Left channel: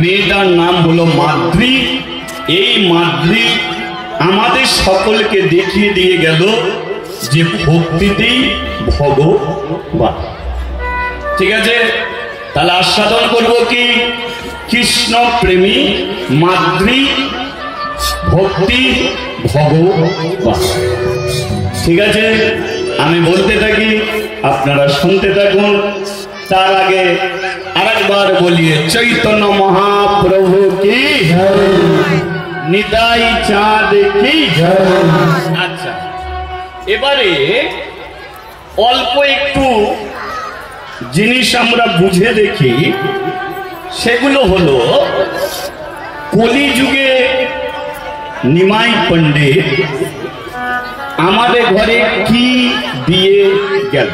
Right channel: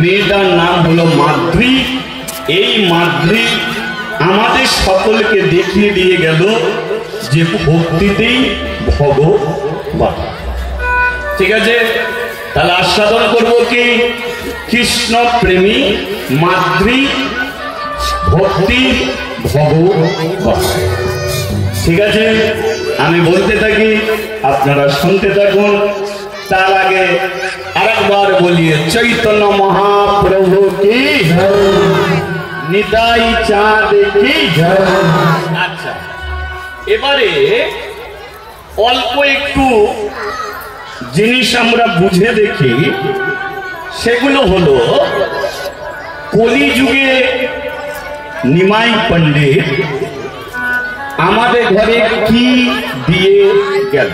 মেয়েটার নাম হলো মাদ্রি। এই মাদ্রি আমাদের সকলকে দেখিয়ে দিয়ে গেল যে ভক্তিতেই ভগবান। ঠিক আছে, তাহলে আস্বাদন করবো কি কৃষ্ণ প্রেমী মাদ্রি ভক্তি ভগবান। ঠিক আছে, আমি বলতে থাকি, আপনারা শুনতে থাকুন। তার আগে আরেকবার বলিয়ে চৈতন্য মহাপ্রভু কি নিতাই চাঁদ কি। আচ্ছা, এবারে অল্প একটু জিনিস আমরা বুঝে দেখি। সেগুলো হলো কলিযুগে নিমাই পণ্ডিত আমাদের ঘরে কি দিয়ে গেল।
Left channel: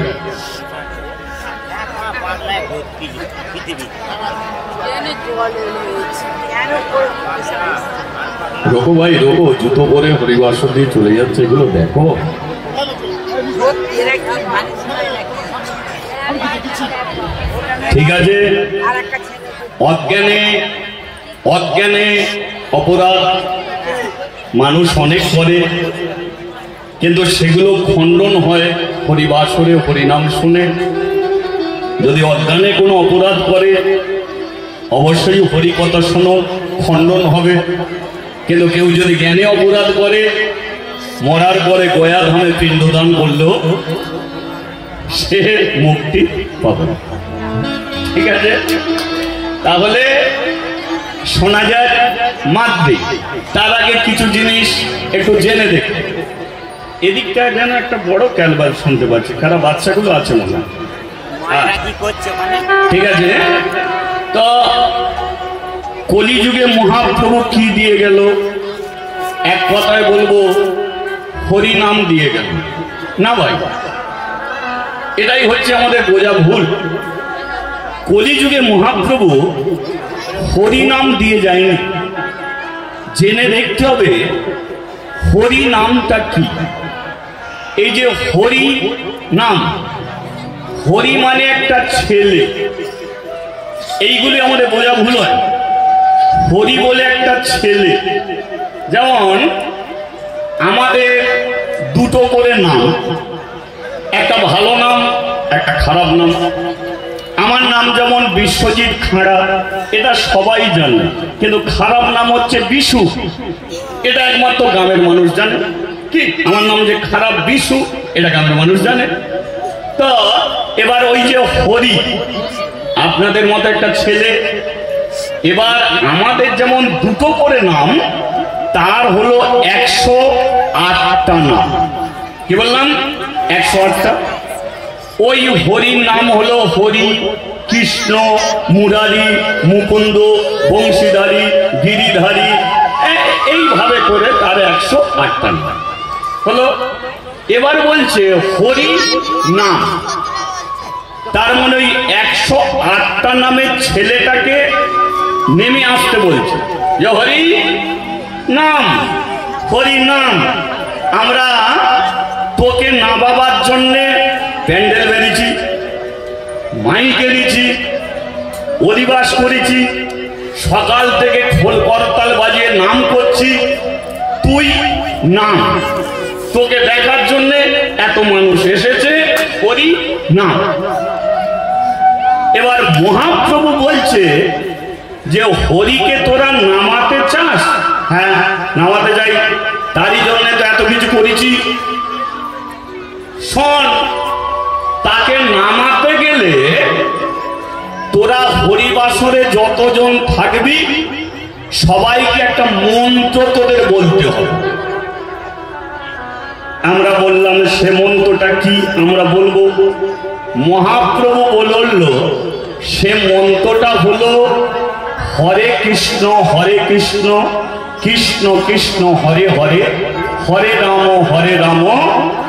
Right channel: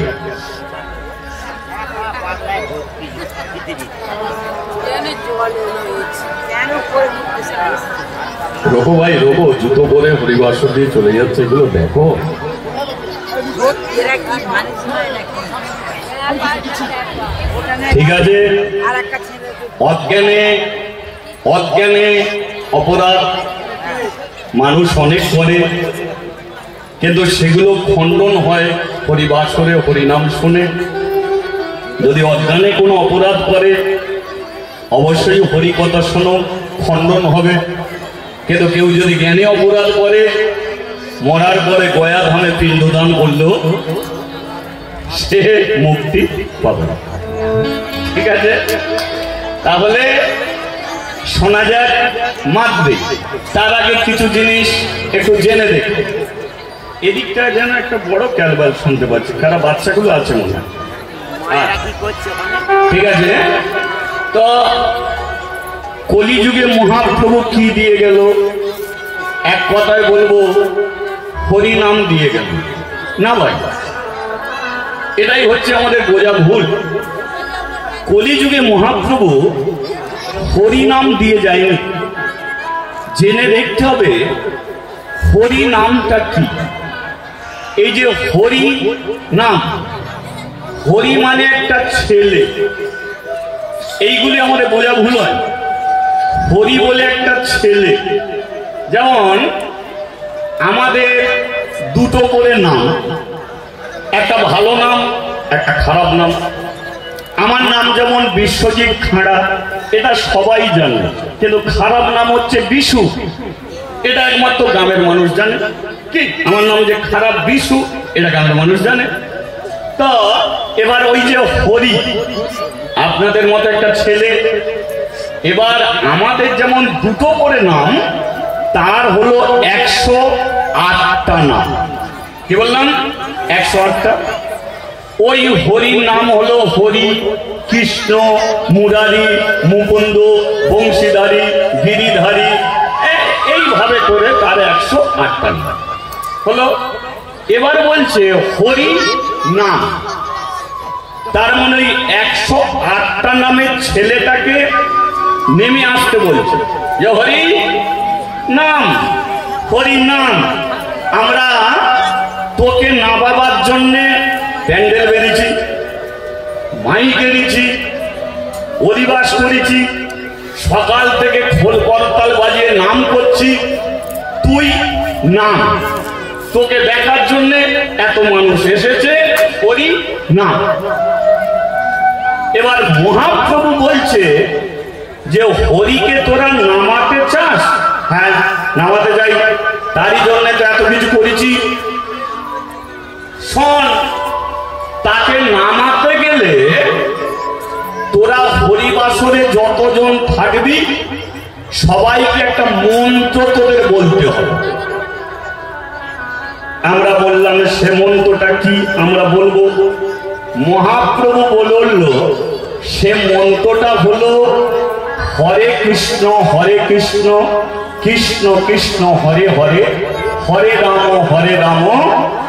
রোগো ভাই রোগো, জুতো পরে হরিবাসর দিয়ে চলে যাচ্ছে, এগুলো দেখো। ঠিক আছে, অজ্ঞানে অজ্ঞানে অপরাধ মানুষ অনেক করে, কিন্তু সেগুলো খণ্ডন হয় হরিবাসরে হরিনাম শুনে। যদি অজ্ঞানে কোনো অপরাধ করে অবশ্যই হরিকথা শোনো, খণ্ডন হবে। কিন্তু কেউ যদি জ্ঞানে অপরাধ করে মরার পরে গয়া ধামে পিণ্ডদান করলেও সে মুক্তি পাবে। ঠিক আছে, তাহলে শোনা যায় মাদ্রি। তার আগে কিছু জিনিস একটু জেনে দেখি। এদিকটা যেন একটা বড় ক্যালবাল শুনতে পাচ্ছি, খারাপ বাচ্চাগুলো আছে মনে হয়। ঠিক আছে, তো কলিযুগে মহাপ্রভু কি দিয়ে গেল? এক কথায় বলবো হরিনাম দিয়ে গেল না ভাই, এটাই হচ্ছে আমাদের বোঝা ভুল। কলিযুগে মহাপ্রভু হরিনাম দিয়ে যায়নি। জেনে দেখতে হবে হরি নামটা কি। এই যে হরি নাম, হরি মানে একটা ছেলে, এইগুলি আমাদের বোঝা ভুল হয়। হরি বলে একটা ছেলে, যেমন আমাদের দুটো করে নাম, একটা ভালো নাম একটা খারাপ নাম। আমার নাম যেমন বিশ্বজিৎ খাঁড়া, এটা সবাই জানে, কিন্তু খারাপ নাম হচ্ছে বিশু, এটা একমাত্র গ্রামের মানুষ জানে। কি আমার নাম যে খারাপ বিশু, এটা গ্রামের মানুষ জানে। তো এবার ওই যে হরি, আপনাদের মতো একটা ছেলে। এবার আমাদের যেমন দুটো করে নাম, তার হলো 108টা নাম। কি বললাম? 108টা। ওই হরির নাম হলো হরি, কৃষ্ণ, মুরারি, মুকুন্দ, বংশীধারী, গিরিধারী, এইভাবে করে তার 108টা নাম হলো। এবার বলছে হরি নাম, তার মানে ওই 108টা নামের ছেলেটাকে নেমে আসতে বলছে যে হরি নাম, হরি নাম। আমরা তোকে নামাবার জন্যে প্যান্ডেল বেরিয়েছি, মাইক এনেছি, অধিবাস করেছি, সকাল থেকে খোল করতাল বাজিয়ে নাম করছি, তুই নাম। তোকে দেখার জন্য এত মানুষ এসেছে, হরি নাম। এবার মহাপ্রভু বলছে যে হরিকে তোরা নামাতে চাস? হ্যাঁ, নামাতে যাই, তারই জন্য তো এত কিছু করেছি। শোন, তাকে নামাতে গেলে তোরা হরিবাসরে যতজন থাকবি সবাইকে একটা মন্ত্র তোদের বলতে হবে। আমরা বললাম সে মন্ত্রটা কি? আমরা বলবো। মহাপ্রভু বলল সে মন্ত্রটা হলো হরে কৃষ্ণ কৃষ্ণ কৃষ্ণ হরে হরে, হরে রাম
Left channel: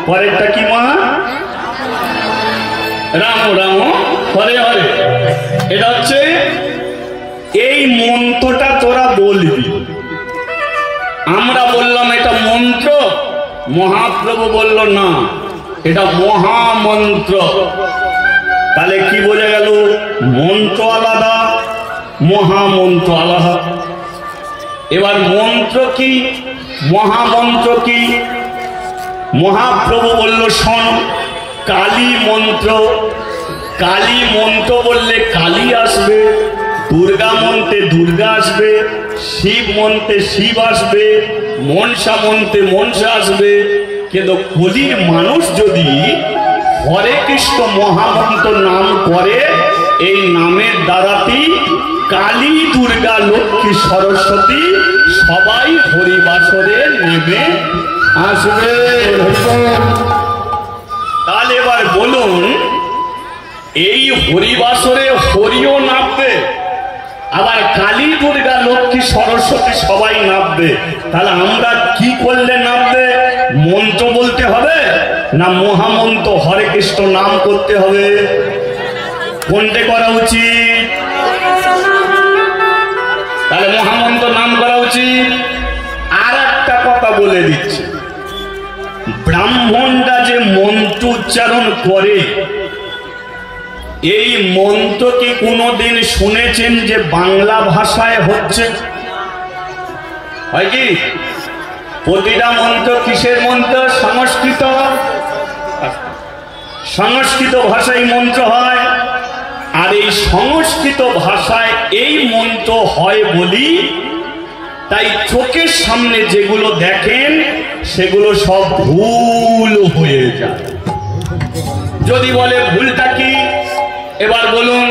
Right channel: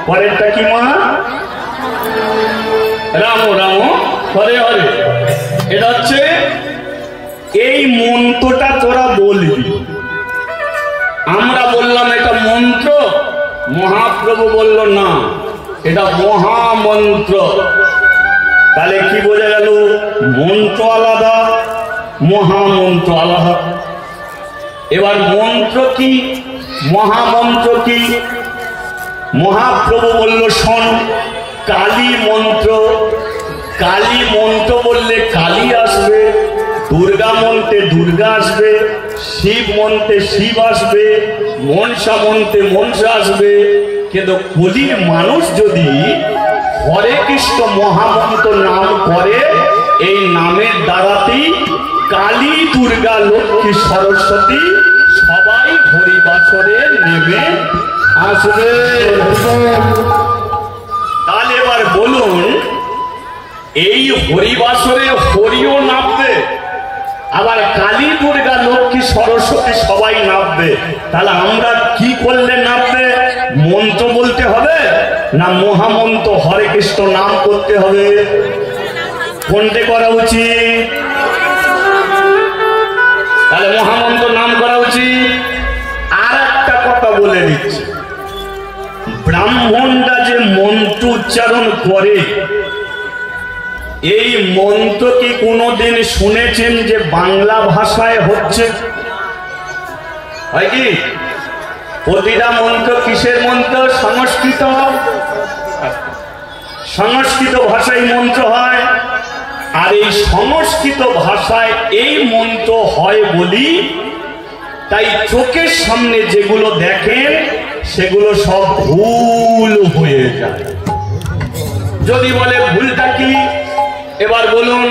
পরেরটা কি মা? রাম রাম হরে হরে। এটা হচ্ছে এই মন্ত্রটা তোরা বলবি। আমরা বললাম এটা মন্ত্র, মহাপ্রভু বলল না, এটা মহামন্ত্র। তাহলে কি বোঝা গেল? মন্ত্র আলাদা, মহামন্ত্র আল্লাহ। এবার মন্ত্র কি, মহামন্ত্র কি? মহাপ্রভু বলল শোন, কালী মন্ত্র। কালী মন্ত্র বললে কালী আসবে, দুর্গা মন্ত্রে দুর্গা আসবে, শিব মন্ত্রে শিব আসবে, মনসা মন্ত্রে মনসা আসবে। কিন্তু কলির মানুষ যদি হরে কৃষ্ণ মহামন্ত্র নাম করে, এই নামের দ্বারাতেই কালী দুর্গা লক্ষ্মী সরস্বতী সবাই হরিবাসরে নেমে আসবে। তাহলে এবার বলুন, এই হরিবাসরে হরিও নামবে, আবার কালী দুর্গা লক্ষ্মী সরস্বতী সবাই নামবে। তাহলে আমরা কি করলে নামবে? মন্ত্র বলতে হবে না মহামন্ত্র হরে কৃষ্ণ নাম করতে হবে? কোনটা করা উচিত? তাহলে মহামন্ত্র নাম করা উচিত। আর একটা কথা বলে দিচ্ছি, ব্রাহ্মণরা যে মন্ত্র উচ্চারণ করে, এই মন্ত্র কি কোনদিন শুনেছেন যে বাংলা ভাষায় হচ্ছে? হয় কি? প্রতিটা মন্ত্র কিসের মন্ত্র? সংস্কৃত। সংস্কৃত ভাষায় মন্ত্র হয়। আর এই সংস্কৃত ভাষায় এই মন্ত্র হয় বলি তাই চোখের সামনে যেগুলো দেখেন সেগুলো সব ভুল হয়ে যায়। যদি বলে ভুলটা কি, এবার বলুন।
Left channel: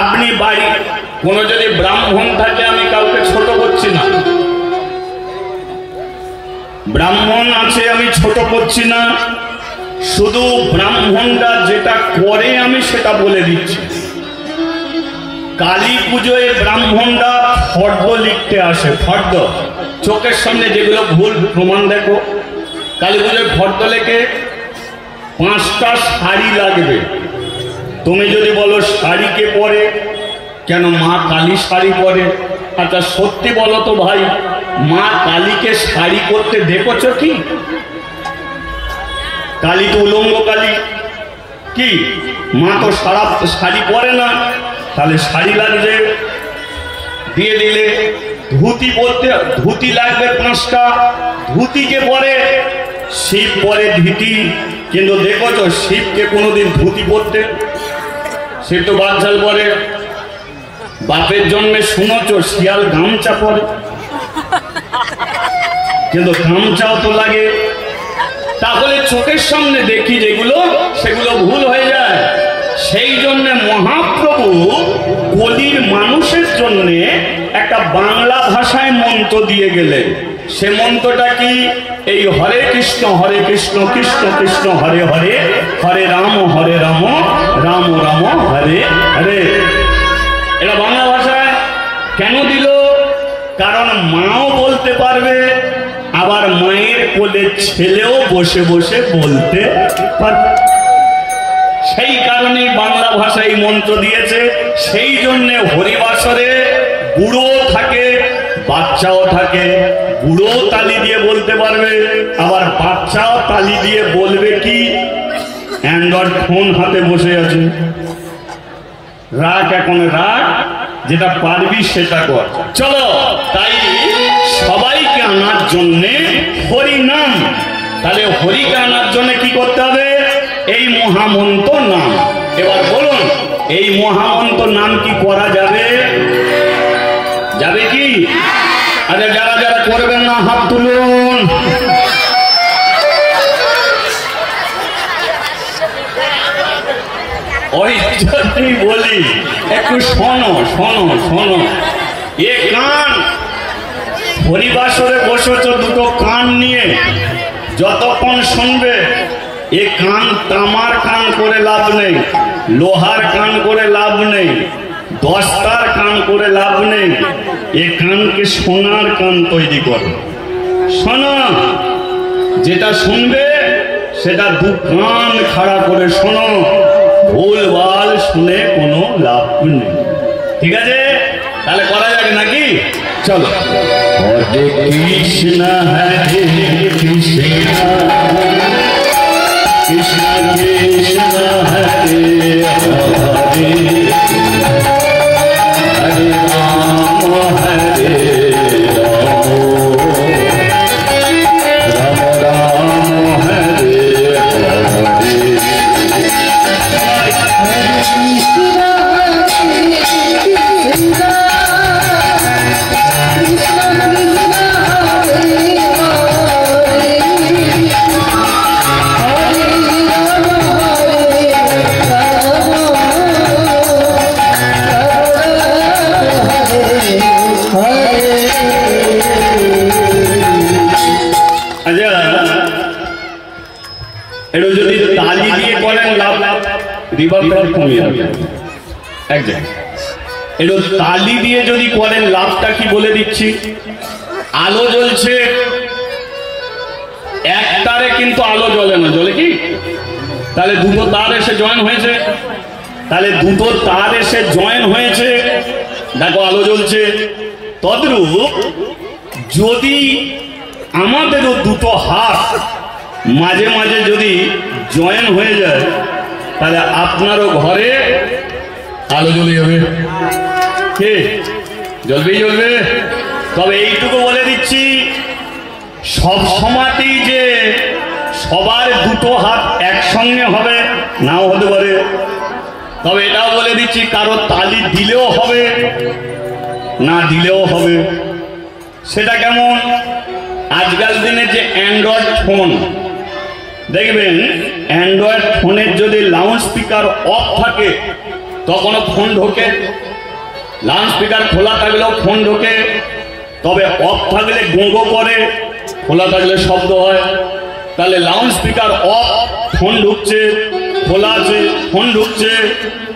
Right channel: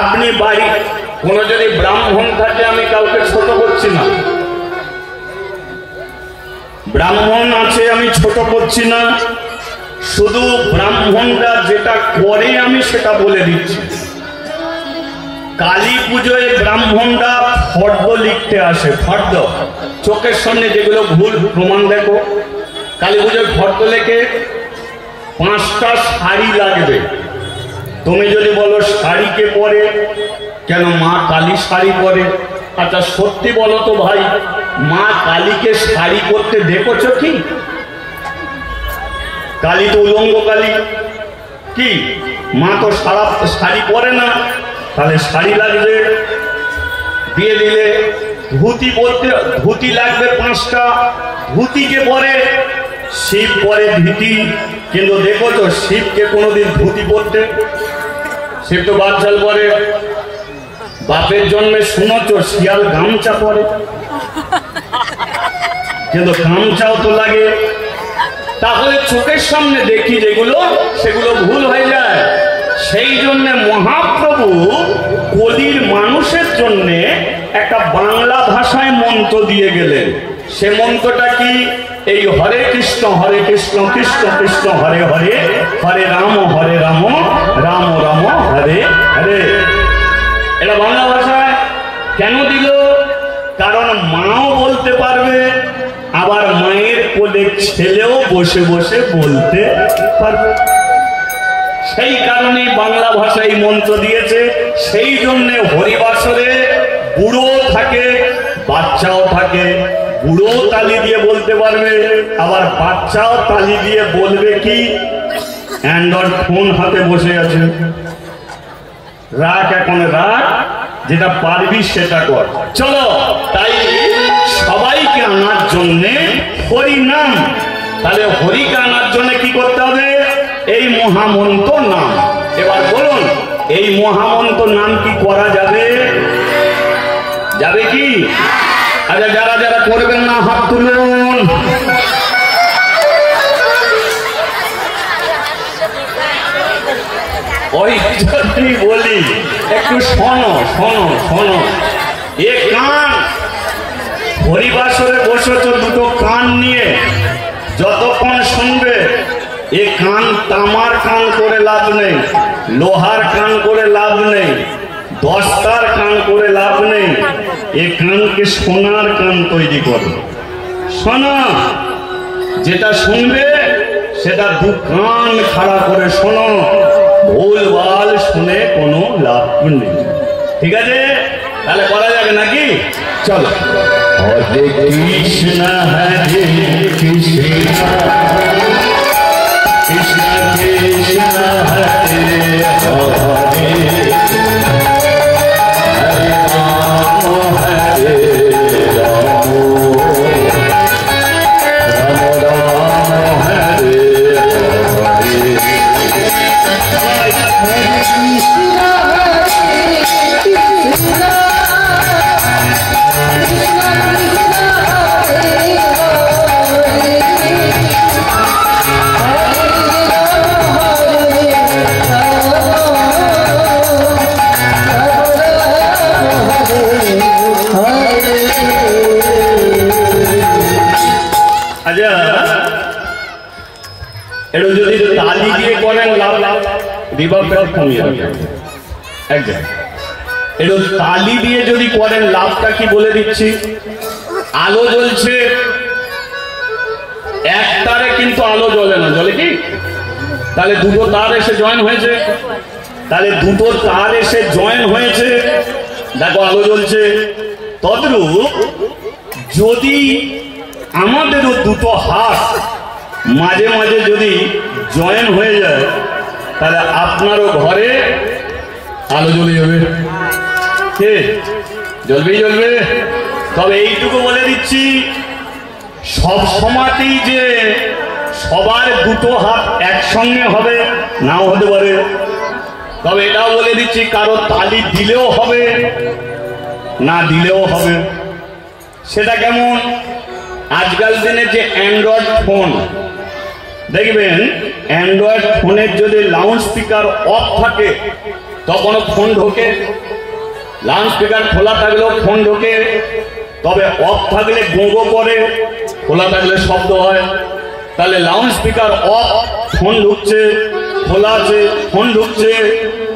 আপনি বাড়ি কোন যদি ব্রাহ্মণ থাকে, আমি কাউকে ছোট করছি না, ব্রাহ্মণ আছে আমি ছোট করছি না, শুধু ব্রাহ্মণরা যেটা করে আমি সেটা বলে দিচ্ছি। কালী পুজোয় ব্রাহ্মণরা ফর্দ লিখতে আসে, ফর্দ। চোখের সামনে যেগুলো ভুল প্রমাণ দেখো। কালী পুজোয় ফর্দ লেখে 5টা শাড়ি লাগবে। তুমি যদি বলো শাড়িকে পরে, কেন মা কালী শাড়ি পরে? আচ্ছা সত্যি বলো তো ভাই, মা কালীকে শাড়ি করতে দেখেছ কি? কালী তো উলঙ্গ কালী, কি মা তো শাড়ি পরে না, তাহলে শাড়ি লাগবে। দিয়ে দিলে ধুতি বলতে, ধুতি লাগবে 5টা, ধুতিকে পরে। শিব পরে ধুতি, কিন্তু দেখো তো শিবকে কোনোদিন ধুতি পরতে? শিব তো বাচ্চাল পরে। বাপের জন্মে শুনেছ শিয়াল গামছা পরে, কিন্তু গামছাও তো লাগে। তাহলে চোখের সামনে দেখি যেগুলো, সেগুলো ভুল হয়ে যায়। সেই জন্য মহাপ্রভু কলির মানুষের জন্য একটা বাংলা ভাষায় মন্ত্র দিয়ে গেলেন। সে মন্ত্রটা কি? এই হরে কৃষ্ণ কৃষ্ণ কৃষ্ণ হরে হরে, হরে রাম রাম রাম হরে হরে। এটা বাংলা ভাষায় কেন দিল? কারণ মাও বলতে পারবে, আবার মায়ের কোলে ছেলেও বসে বসে বলতে পারবে। সেই কারণে বাংলা ভাষায় মন্ত্র দিয়েছে। সেই জন্য হরিবাসরে বুড়ো থাকে, বাচ্চাও থাকে। বুড়ো তালি দিয়ে বলতে পারবে, আবার বাচ্চাও তালি দিয়ে বলবে। কি অ্যান্ড্রয়েড ফোন হাতে বসে আছে, রাগ এখন রাগ, যেটা পারবি সেটা কর। চলো, তাই সবাইকে আনার জন্য হরি নাম। তাহলে হরিকে আনার জন্য কি করতে হবে? এই মহামন্ত্র নাম। এবার বলুন, এই মহামন্ত্র নাম কি করা যাবে? যাবে কি? আরে যারা যারা করবেন না হাত তুলুন। ওই জন্যই বলি, একটু শোনো শোনো শোনো। এ কান, হরিবাসরে বসেছ দুটো কান নিয়ে, যতক্ষণ শুনবে। এ কান তামার কান করে লাভ নেই, লোহার কান করে লাভ নেই, দস্তার কান করে লাভ নেই। এ কানকে সোনার কান তৈরি করো। শোনো, যেটা শুনবে সেটা দু কান খাড়া করে শোনো, ভুলভাল শুনে কোনো লাভ নেই। ঠিক আছে? তাহলে করা যাবে নাকি? চলো। হরে কৃষ্ণ হরে কৃষ্ণ কৃষ্ণ কৃষ্ণ হরে হরে এটা যদি তালি দিয়ে করেন লাভ রিভাবটা কমিয়ে দেবেন এক জায়গায়। এটা তালি দিয়ে যদি করেন লাভটা কি বলে দিচ্ছি, আলো জ্বলছে এক তারে কিন্তু আলো জ্বলে না, জ্বলে কি? তাহলে দুটো তার এসে জয়েন হয়েছে, তাহলে দুটো তার এসে জয়েন হয়েছে, দেখো আলো জ্বলছে। তদ্রূপ যদি আমাদেরও দুটো হাত মাঝে মাঝে যদি জয়েন হয়ে যায় তাহলে আপনারও ঘরে আলো জ্বলে যাবে। কে জ্বলবেই জ্বলবে। তবে এইটুকু বলে দিচ্ছি, সব সময়তেই যে সবার দুটো হাত একসঙ্গে হবে নাও হতে পারে। তবে এটাও বলে দিচ্ছি, কারো তালি দিলেও হবে না দিলেও হবে। সেটা কেমন? আজকাল দিনে যে অ্যান্ড্রয়েড ফোন দেখবেন, অ্যান্ড্রয়েড ফোনের যদি লাউড স্পিকার অফ থাকে তখনও ফোন ঢোকে, লাউড স্পিকার খোলা থাকলেও ফোন ঢোকে। তবে অফ থাকলে গোঁগো করে, খোলা থাকলে শব্দ হয়। তাহলে লাউড স্পিকার অফ, ফোন ঢুকছে, খোলা আছে ফোন ঢুকছে।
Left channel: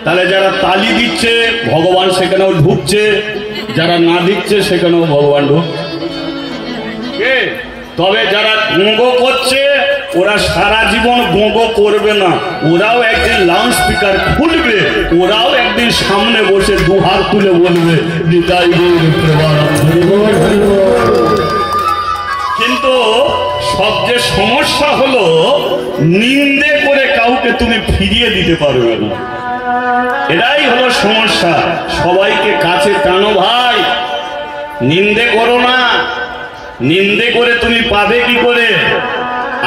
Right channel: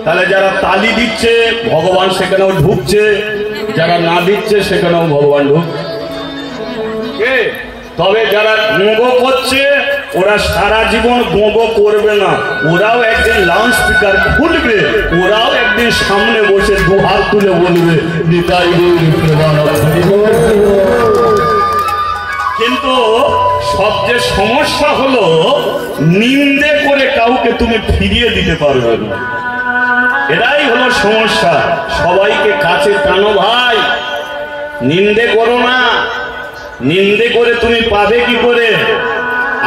তাহলে যারা তালি দিচ্ছে ভগবান সেখানেও ঢুকছে, যারা না দিচ্ছে সেখানেও ভগবান ঢুকছে। তবে যারা গোঁগো করছে ওরা সারা জীবন গোঁগো করবে না, ওরাও একদিন লাউড স্পিকার খুলবে, ওরাও একদিন সামনে বসে দুহাত তুলে বলবে কিন্তু সবচেয়ে সমস্যা হলো নিন্দে করে কাউকে তুমি ফিরিয়ে দিতে পারবে না। এটাই হলো সমস্যা। সবাইকে কাছে টানো ভাই, নিন্দে করো না। নিন্দে করে তুমি পাবে কি করে?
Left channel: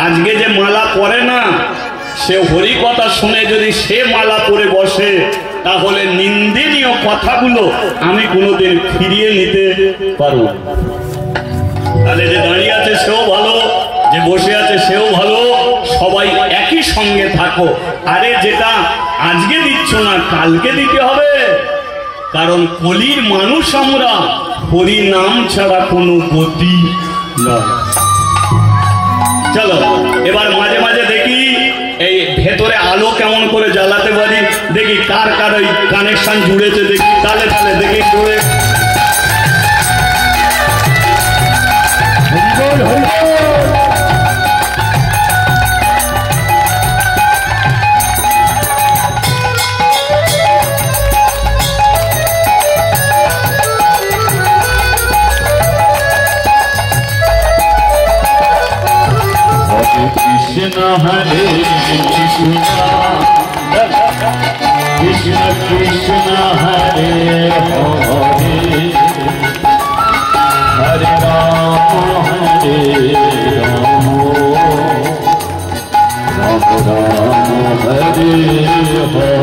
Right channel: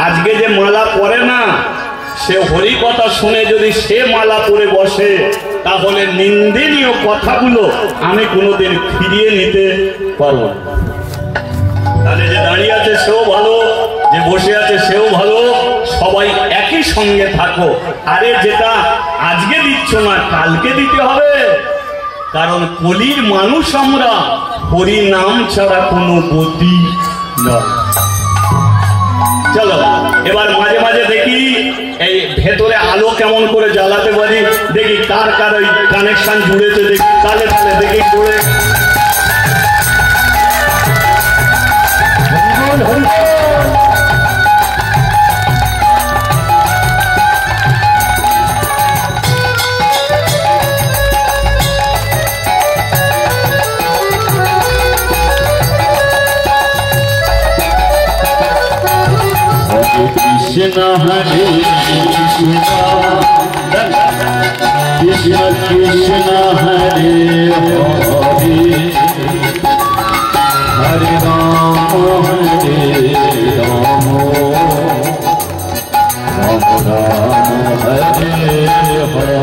আজকে যে মালা পরে না, সে হরি কথা শুনে যদি সে মালা পরে বসে তাহলে নিন্দনীয় কথাগুলো আমি কোনোদিন ফিরিয়ে নিতে পারবো। তাহলে যে দাঁড়িয়ে আছে সেও ভালো, যে বসে আছে সেও ভালো, সবাই একই সঙ্গে থাকো। আরে যেটা আজকে দিচ্ছ না কালকে দিতে হবে, কারণ কলির মানুষ আমরা, হরি নাম ছাড়া কোনো গতি নয়। চলো এবার মাঝে মাঝে দেখি এই ভেতরে আলো কেমন করে জ্বালাতে পারি, দেখি কার কার ওই কানেকশন জুড়েছে, দেখি তালে তালে দেখি করে। Krishna Hare Krishna Krishna Hare Hare Hare Rama Hare Rama Rama Rama Hare Hare Hare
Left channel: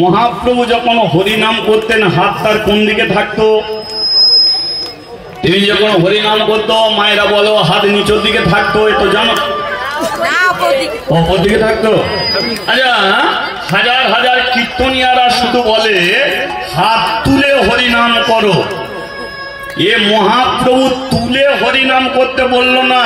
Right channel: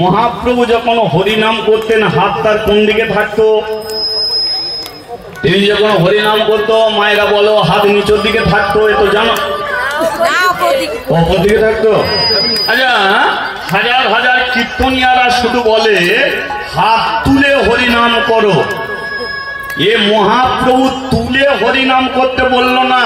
Mahaprabhu যখন হরিনাম করতেন হাত তার কোন দিকে থাকতো? তিনি যখন হরিনাম করতো মায়েরা বলো হাত নিচের দিকে থাকতো, এ তো জানো উপর দিকে থাকতো। আচ্ছা, হাজার হাজার কীর্তনিয়ারা শুধু বলে হাত তুলে হরিনাম করো, এ মহাপ্রভু তুলে হরিনাম করতে বললো না।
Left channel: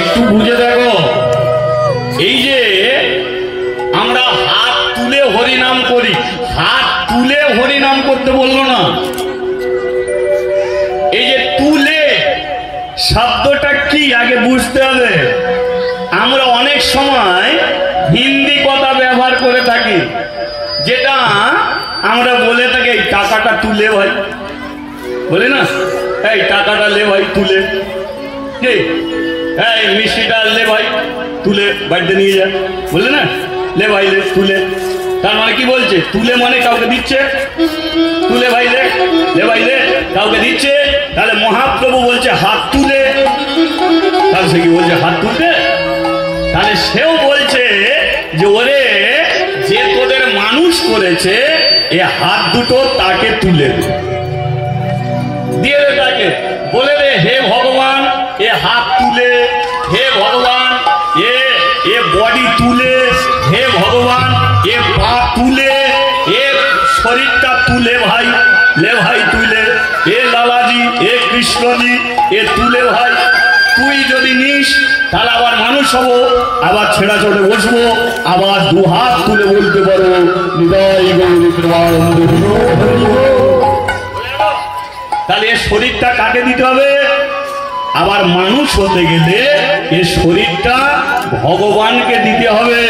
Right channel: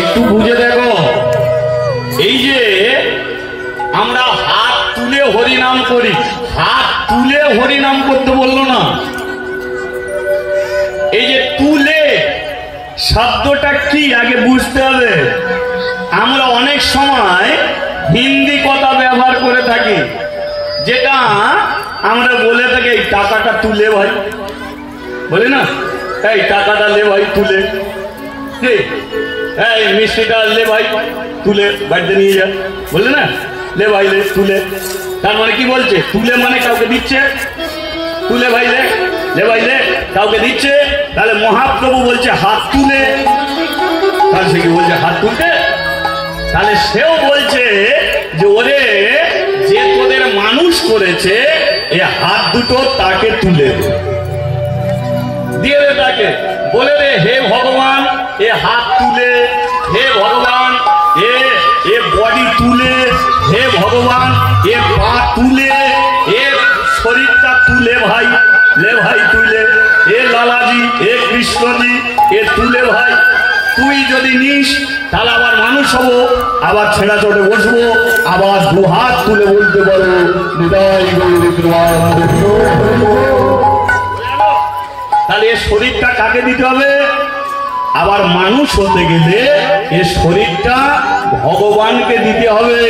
একটু বুঝে দেখো, এই যে আমরা হাত তুলে হরিনাম করি। হাত তুলে হরিনাম করতে বললো না। এই যে তুলে শব্দটা কি আগে বুঝতে হবে। আমরা অনেক সময় হিন্দি কথা ব্যবহার করে থাকি, যেটা আমরা বলে থাকি এই টাকাটা তুলে ভাই, বলি না এই টাকাটা লে ভাই তুলে, এই মিষ্টিটা লে ভাই তুলে বাড়িতে নিয়ে যা, বলে না লে ভাই লে তুলে। তার মানে কি বলছে? তুলে মানে কাউকে দিচ্ছে, তুলে ভাই লে ভাই লে কাউকে দিচ্ছে। তাহলে মহাপ্রভু বলছে হাত তুলে, তাহলে সে কি বলছে হাত তুলতে? তাহলে সেও বলছে যে ওরে যে তোদের মানুষ করেছে এ হাত দুটো তাকে তুলে দিয়ে দে, তাকে বলে রে হে ভগবান এ হাত তুলে, হে ভগবান এ বডি তুলে, হে ভগবান এ পা তুলে, এ শরীরটা তুলে ভাই, লে ভাই তুলে, এ লালাজি এ কৃষ্ণজি এ তুলে ভাই। তুই যদি নিস তাহলে আবার মানুষ হবো, আবার ছেড়া চড়ে বসবো, আবার দু হাত তুলে বলতে পারো তাহলে এ শরীরটা কাকে দিতে হবে? আবার মানুষ হতে গেলে এ শরীরটা ভগবানকে দিতে হবে।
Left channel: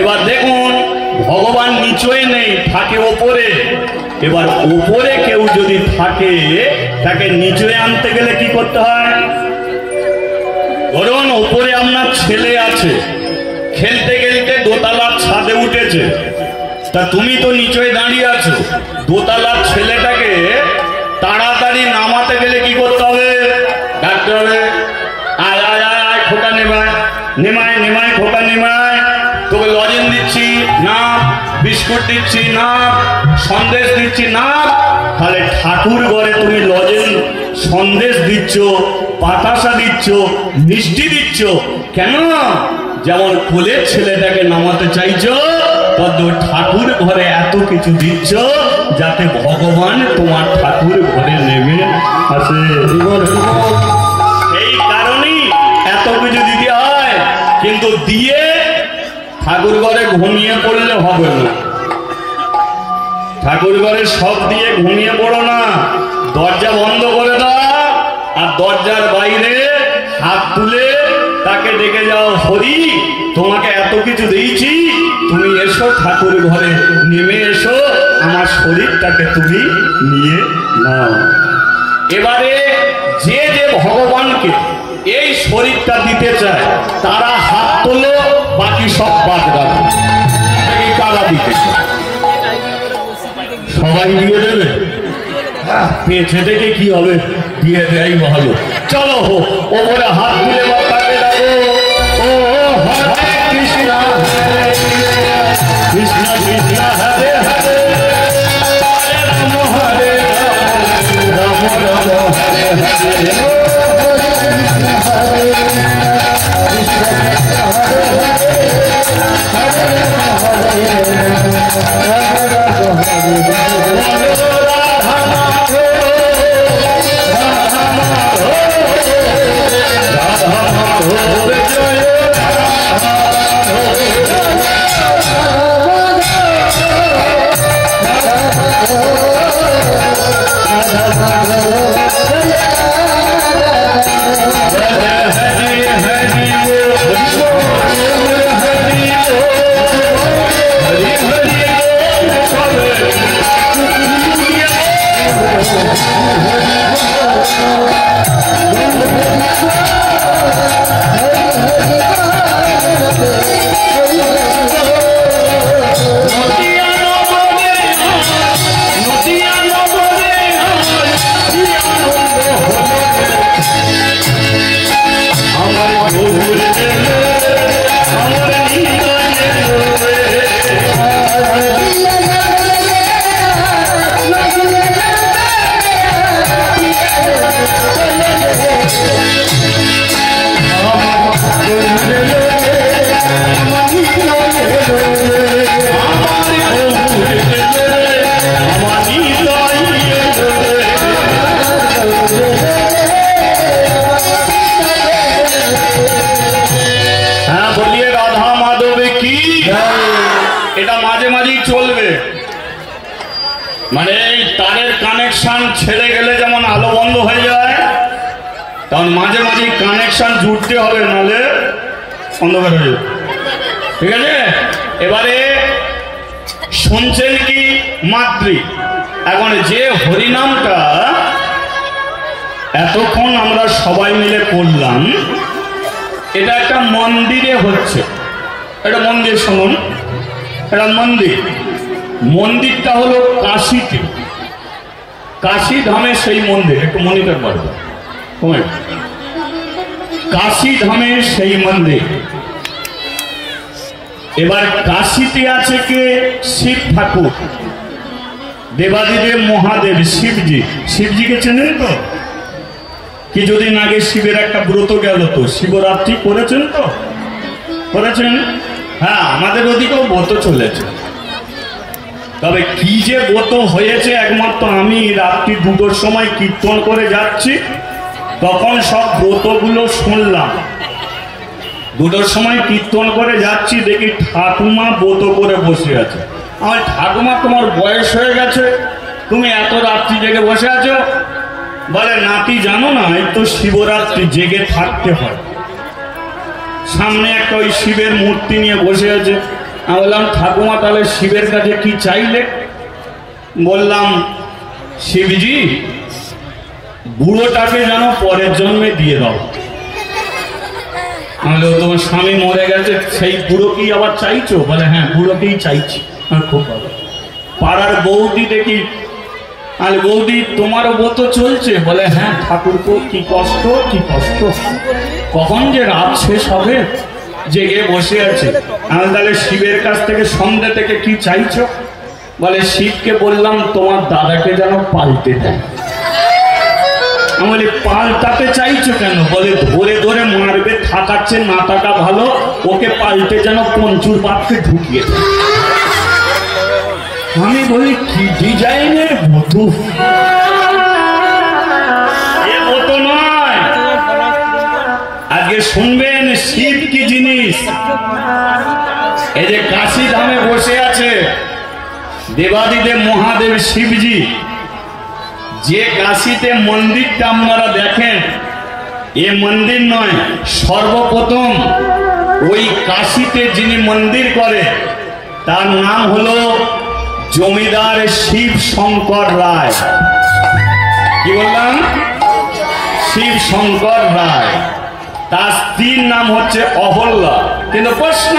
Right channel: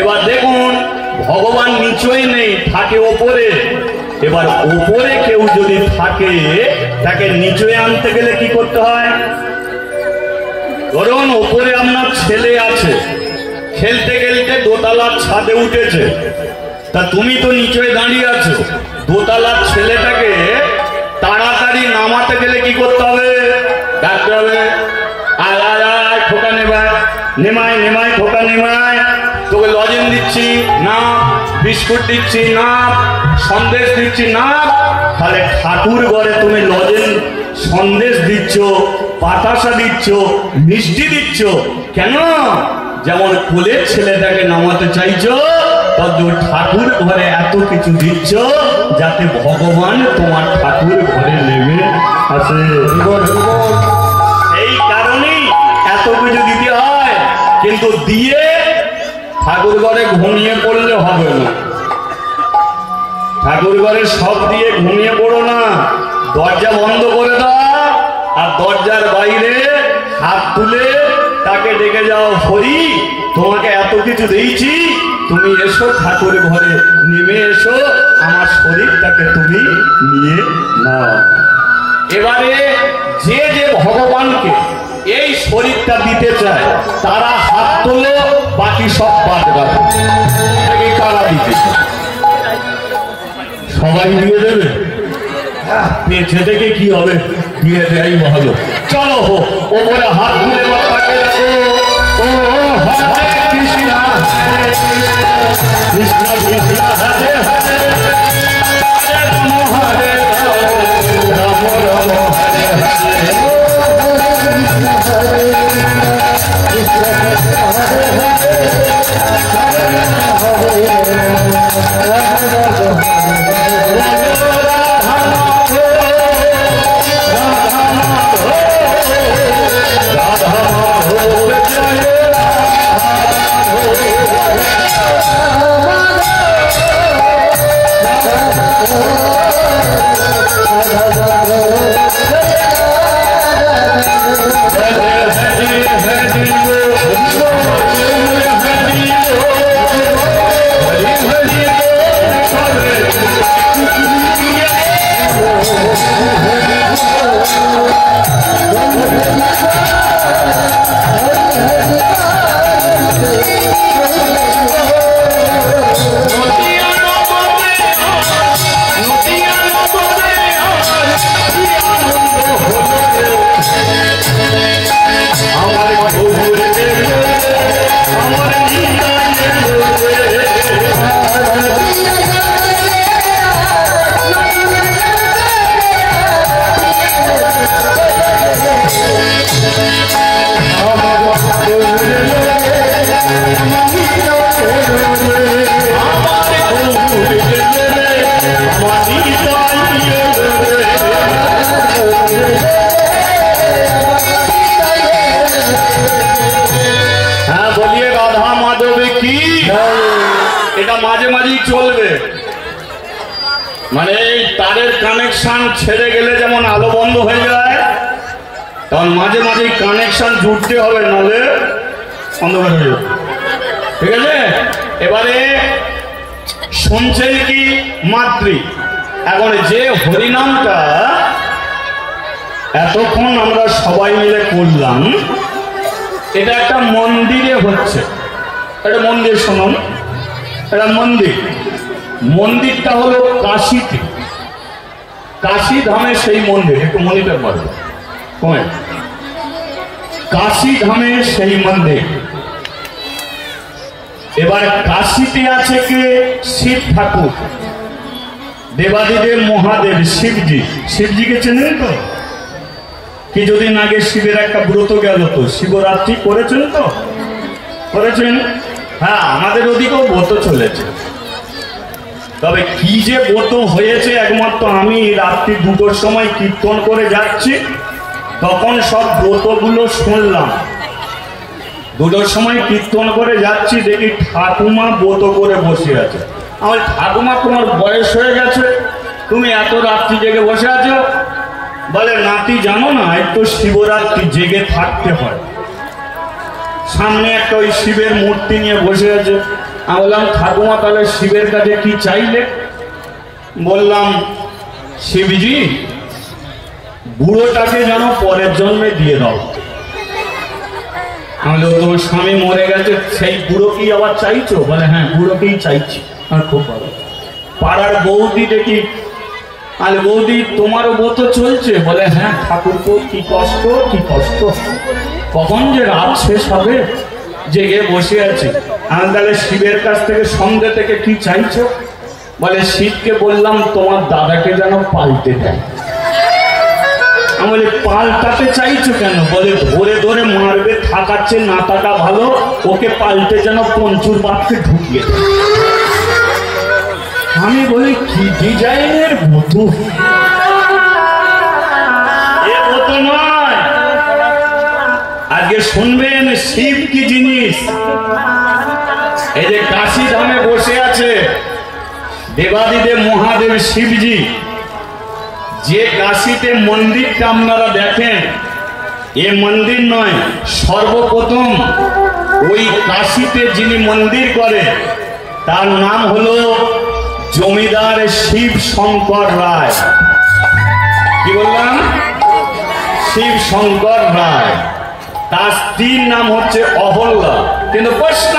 এবার দেখুন ভগবান নিচই নেই, থাকে ওপরে। এবার ওপরে কেউ যদি থাকে তাকে নিচে আনতে গেলে কি করতে হয়? ধরুন ওপরে আপনার ছেলে আছে, খেলতে খেলতে দোতলার ছাদে উঠেছে, তা তুমি তো নিচে দাঁড়িয়ে আছো। দোতলার ছেলেটাকে তাড়াতাড়ি নামাতে গেলে কি করতে হবে? ডাকতে হবে আয় আয় আয় খোটা নেমায় নেমায় নেমায় খোটা নেমায়। তোকে লজেন দিচ্ছি না, বিস্কুট দিচ্ছি না, সন্দেশ দিচ্ছি না। তাহলে ঠাকুর ঘরে তুমি লজেন সন্দেশ দিচ্ছ, বাতাসা দিচ্ছ, মিষ্টি দিচ্ছ কেন? যেমন কোলের ছেলেটাকে নামাতে চাইছো, তদ্রুপ ঠাকুর ঘরে এত কিছু দিচ্ছ যাতে ভগবান তোমার ঠাকুর ঘরে নেমে আসে। এই কারণেই এত কিছু দিতে হয়। কিন্তু দিয়ে ঠাকুর ঘরে ঘুমিয়ে পড়লে হবে না। ঠাকুর ঘরে সব দিয়ে ঘুমিয়ে পড়ো না, দরজা বন্ধ করে দাও আর দরজার বাইরে হাত তুলে তাকে ডেকে যাও, হরি তোমাকে এত কিছু দিয়েছি, তুমি এসো ঠাকুর ঘরে নেমে এসো, আমার শরীরটাকে তুমি নিয়ে নাও। এবারে যে যে ভগবানকে এই শরীরটা দিতে চায় তারা হাত তোলো, বাকি সব বাদ রাখো। কারা দিতে সবাই দিয়ে দেবে, পেছে থেকে কি হবে? দিয়ে দেয় ভালো। চলো ওপরে হাত তুলে কৃষ্ণ কৃষ্ণ কৃষ্ণ হরে হরে রাম হরে রাম রাম হরে হরে। কি এটা মাঝে মাঝেই চলবে, মানে তারের কানেকশন ছেড়ে গেলে যেমন আলো বন্ধ হয়ে যায়, কারণ মাঝে মাঝে কানেকশন জুড়তে হবে, নাহলে অন্ধকার হয়ে যাবে। ঠিক আছে, এবারে শুনছেন কি মাতৃ? এখন যে হরিনামটা এতক্ষণ আমরা সবাই মিলে করলাম, এটা একটা মন্দিরে হচ্ছে। এটা মন্দির, শুনুন, এটা মন্দির। মন্দিরটা হলো কাশীতে, কাশী ধামে সেই মন্দির, একটু মনিটর করবে, কাশী ধামে সেই মন্দির। এবার কাশীতে আছে কে? শিব ঠাকুর, দেবাদিদেব মহাদেব, শিবজি। শিবজিকে চেনেন তো? কিছুদিন আগে শিবের একটা ব্রত গেল, তো শিবরাত্রি করেছেন তো? করেছেন? হ্যাঁ, আমাদের ওদিকেও ব্রত চলেছে। তবে কি যে ব্রত হয়েছে, একমাত্র আমি রাত্রি 2টোর সময় কীর্তন করে যাচ্ছি, তখন সব ব্রতগুলো শুনলাম। 2টোর সময় কীর্তন করে যাচ্ছি, দেখি ঠাকুমা ব্রত করে বসে আছে। আমার ঠাকুমা, তোমার বয়স হয়ে গেছে, তুমি এত রাত্রি জেগে বসে আছো? বলে, নাতি জানো না, এই তো শিবরাত্রি, জেগে থাকতে হয়। সামনে একটা ওই শিবের মূর্তি নিয়ে বসে আছে। আমি বললাম, ঠাকুমা তাহলে শিবের কাছে কি চাইলে? বললাম, শিবজি বুড়োটাকে যেন পরের জন্মে দিয়ে দাও। তোমার স্বামী মরে গেছে, সেই বুড়োকেই আবার চাইছো? বলে, হ্যাঁ, বুড়োকেই চাইছি। খুব ভালো। পাড়ার বৌদি দেখি, আর বৌদি তোমারও ব্রত চলছে? বলে, হ্যাঁ ঠাকুরপো, কি কষ্ট, কি কষ্ট, কখন যে রাত শেষ হবে, জেগে বসে আছে। আমি তাহলে শিবের কাছ থেকে, সন্ধ্যে থেকে কি চাইছো? বলে, শিবকে বললাম তোমার দাদাকে যেন পাল্টে দেয়। আমি বলি, পাল্টাতে চাইছো কেন? বলে, ধরে ধরে মারবে, থাকাচ্ছে, না থাকা ভালো, ওকে পাল্টে যেন পঞ্চুর বাক্যে ঢুকিয়ে দেয়। আমি বলি, কি ডিজাইনের মতো, এ মতো নয়। আজকে শুনবেন শিব কি জিনিস। এই যে কাশী ধামে বসে আছে দেবাদিদেব মহাদেব শিবজি, যে কাশীতে মন্দিরটা আপনারা দেখেন, এ মন্দির নয়, সর্বপ্রথম ওই কাশীতে যিনি মন্দির করে, তার নাম হলো জমিদার শিব শঙ্কর রায়। কি বললাম? শিব শঙ্কর রায়। তার স্ত্রীর নাম হচ্ছে অহল্যা। কিন্তু প্রশ্ন,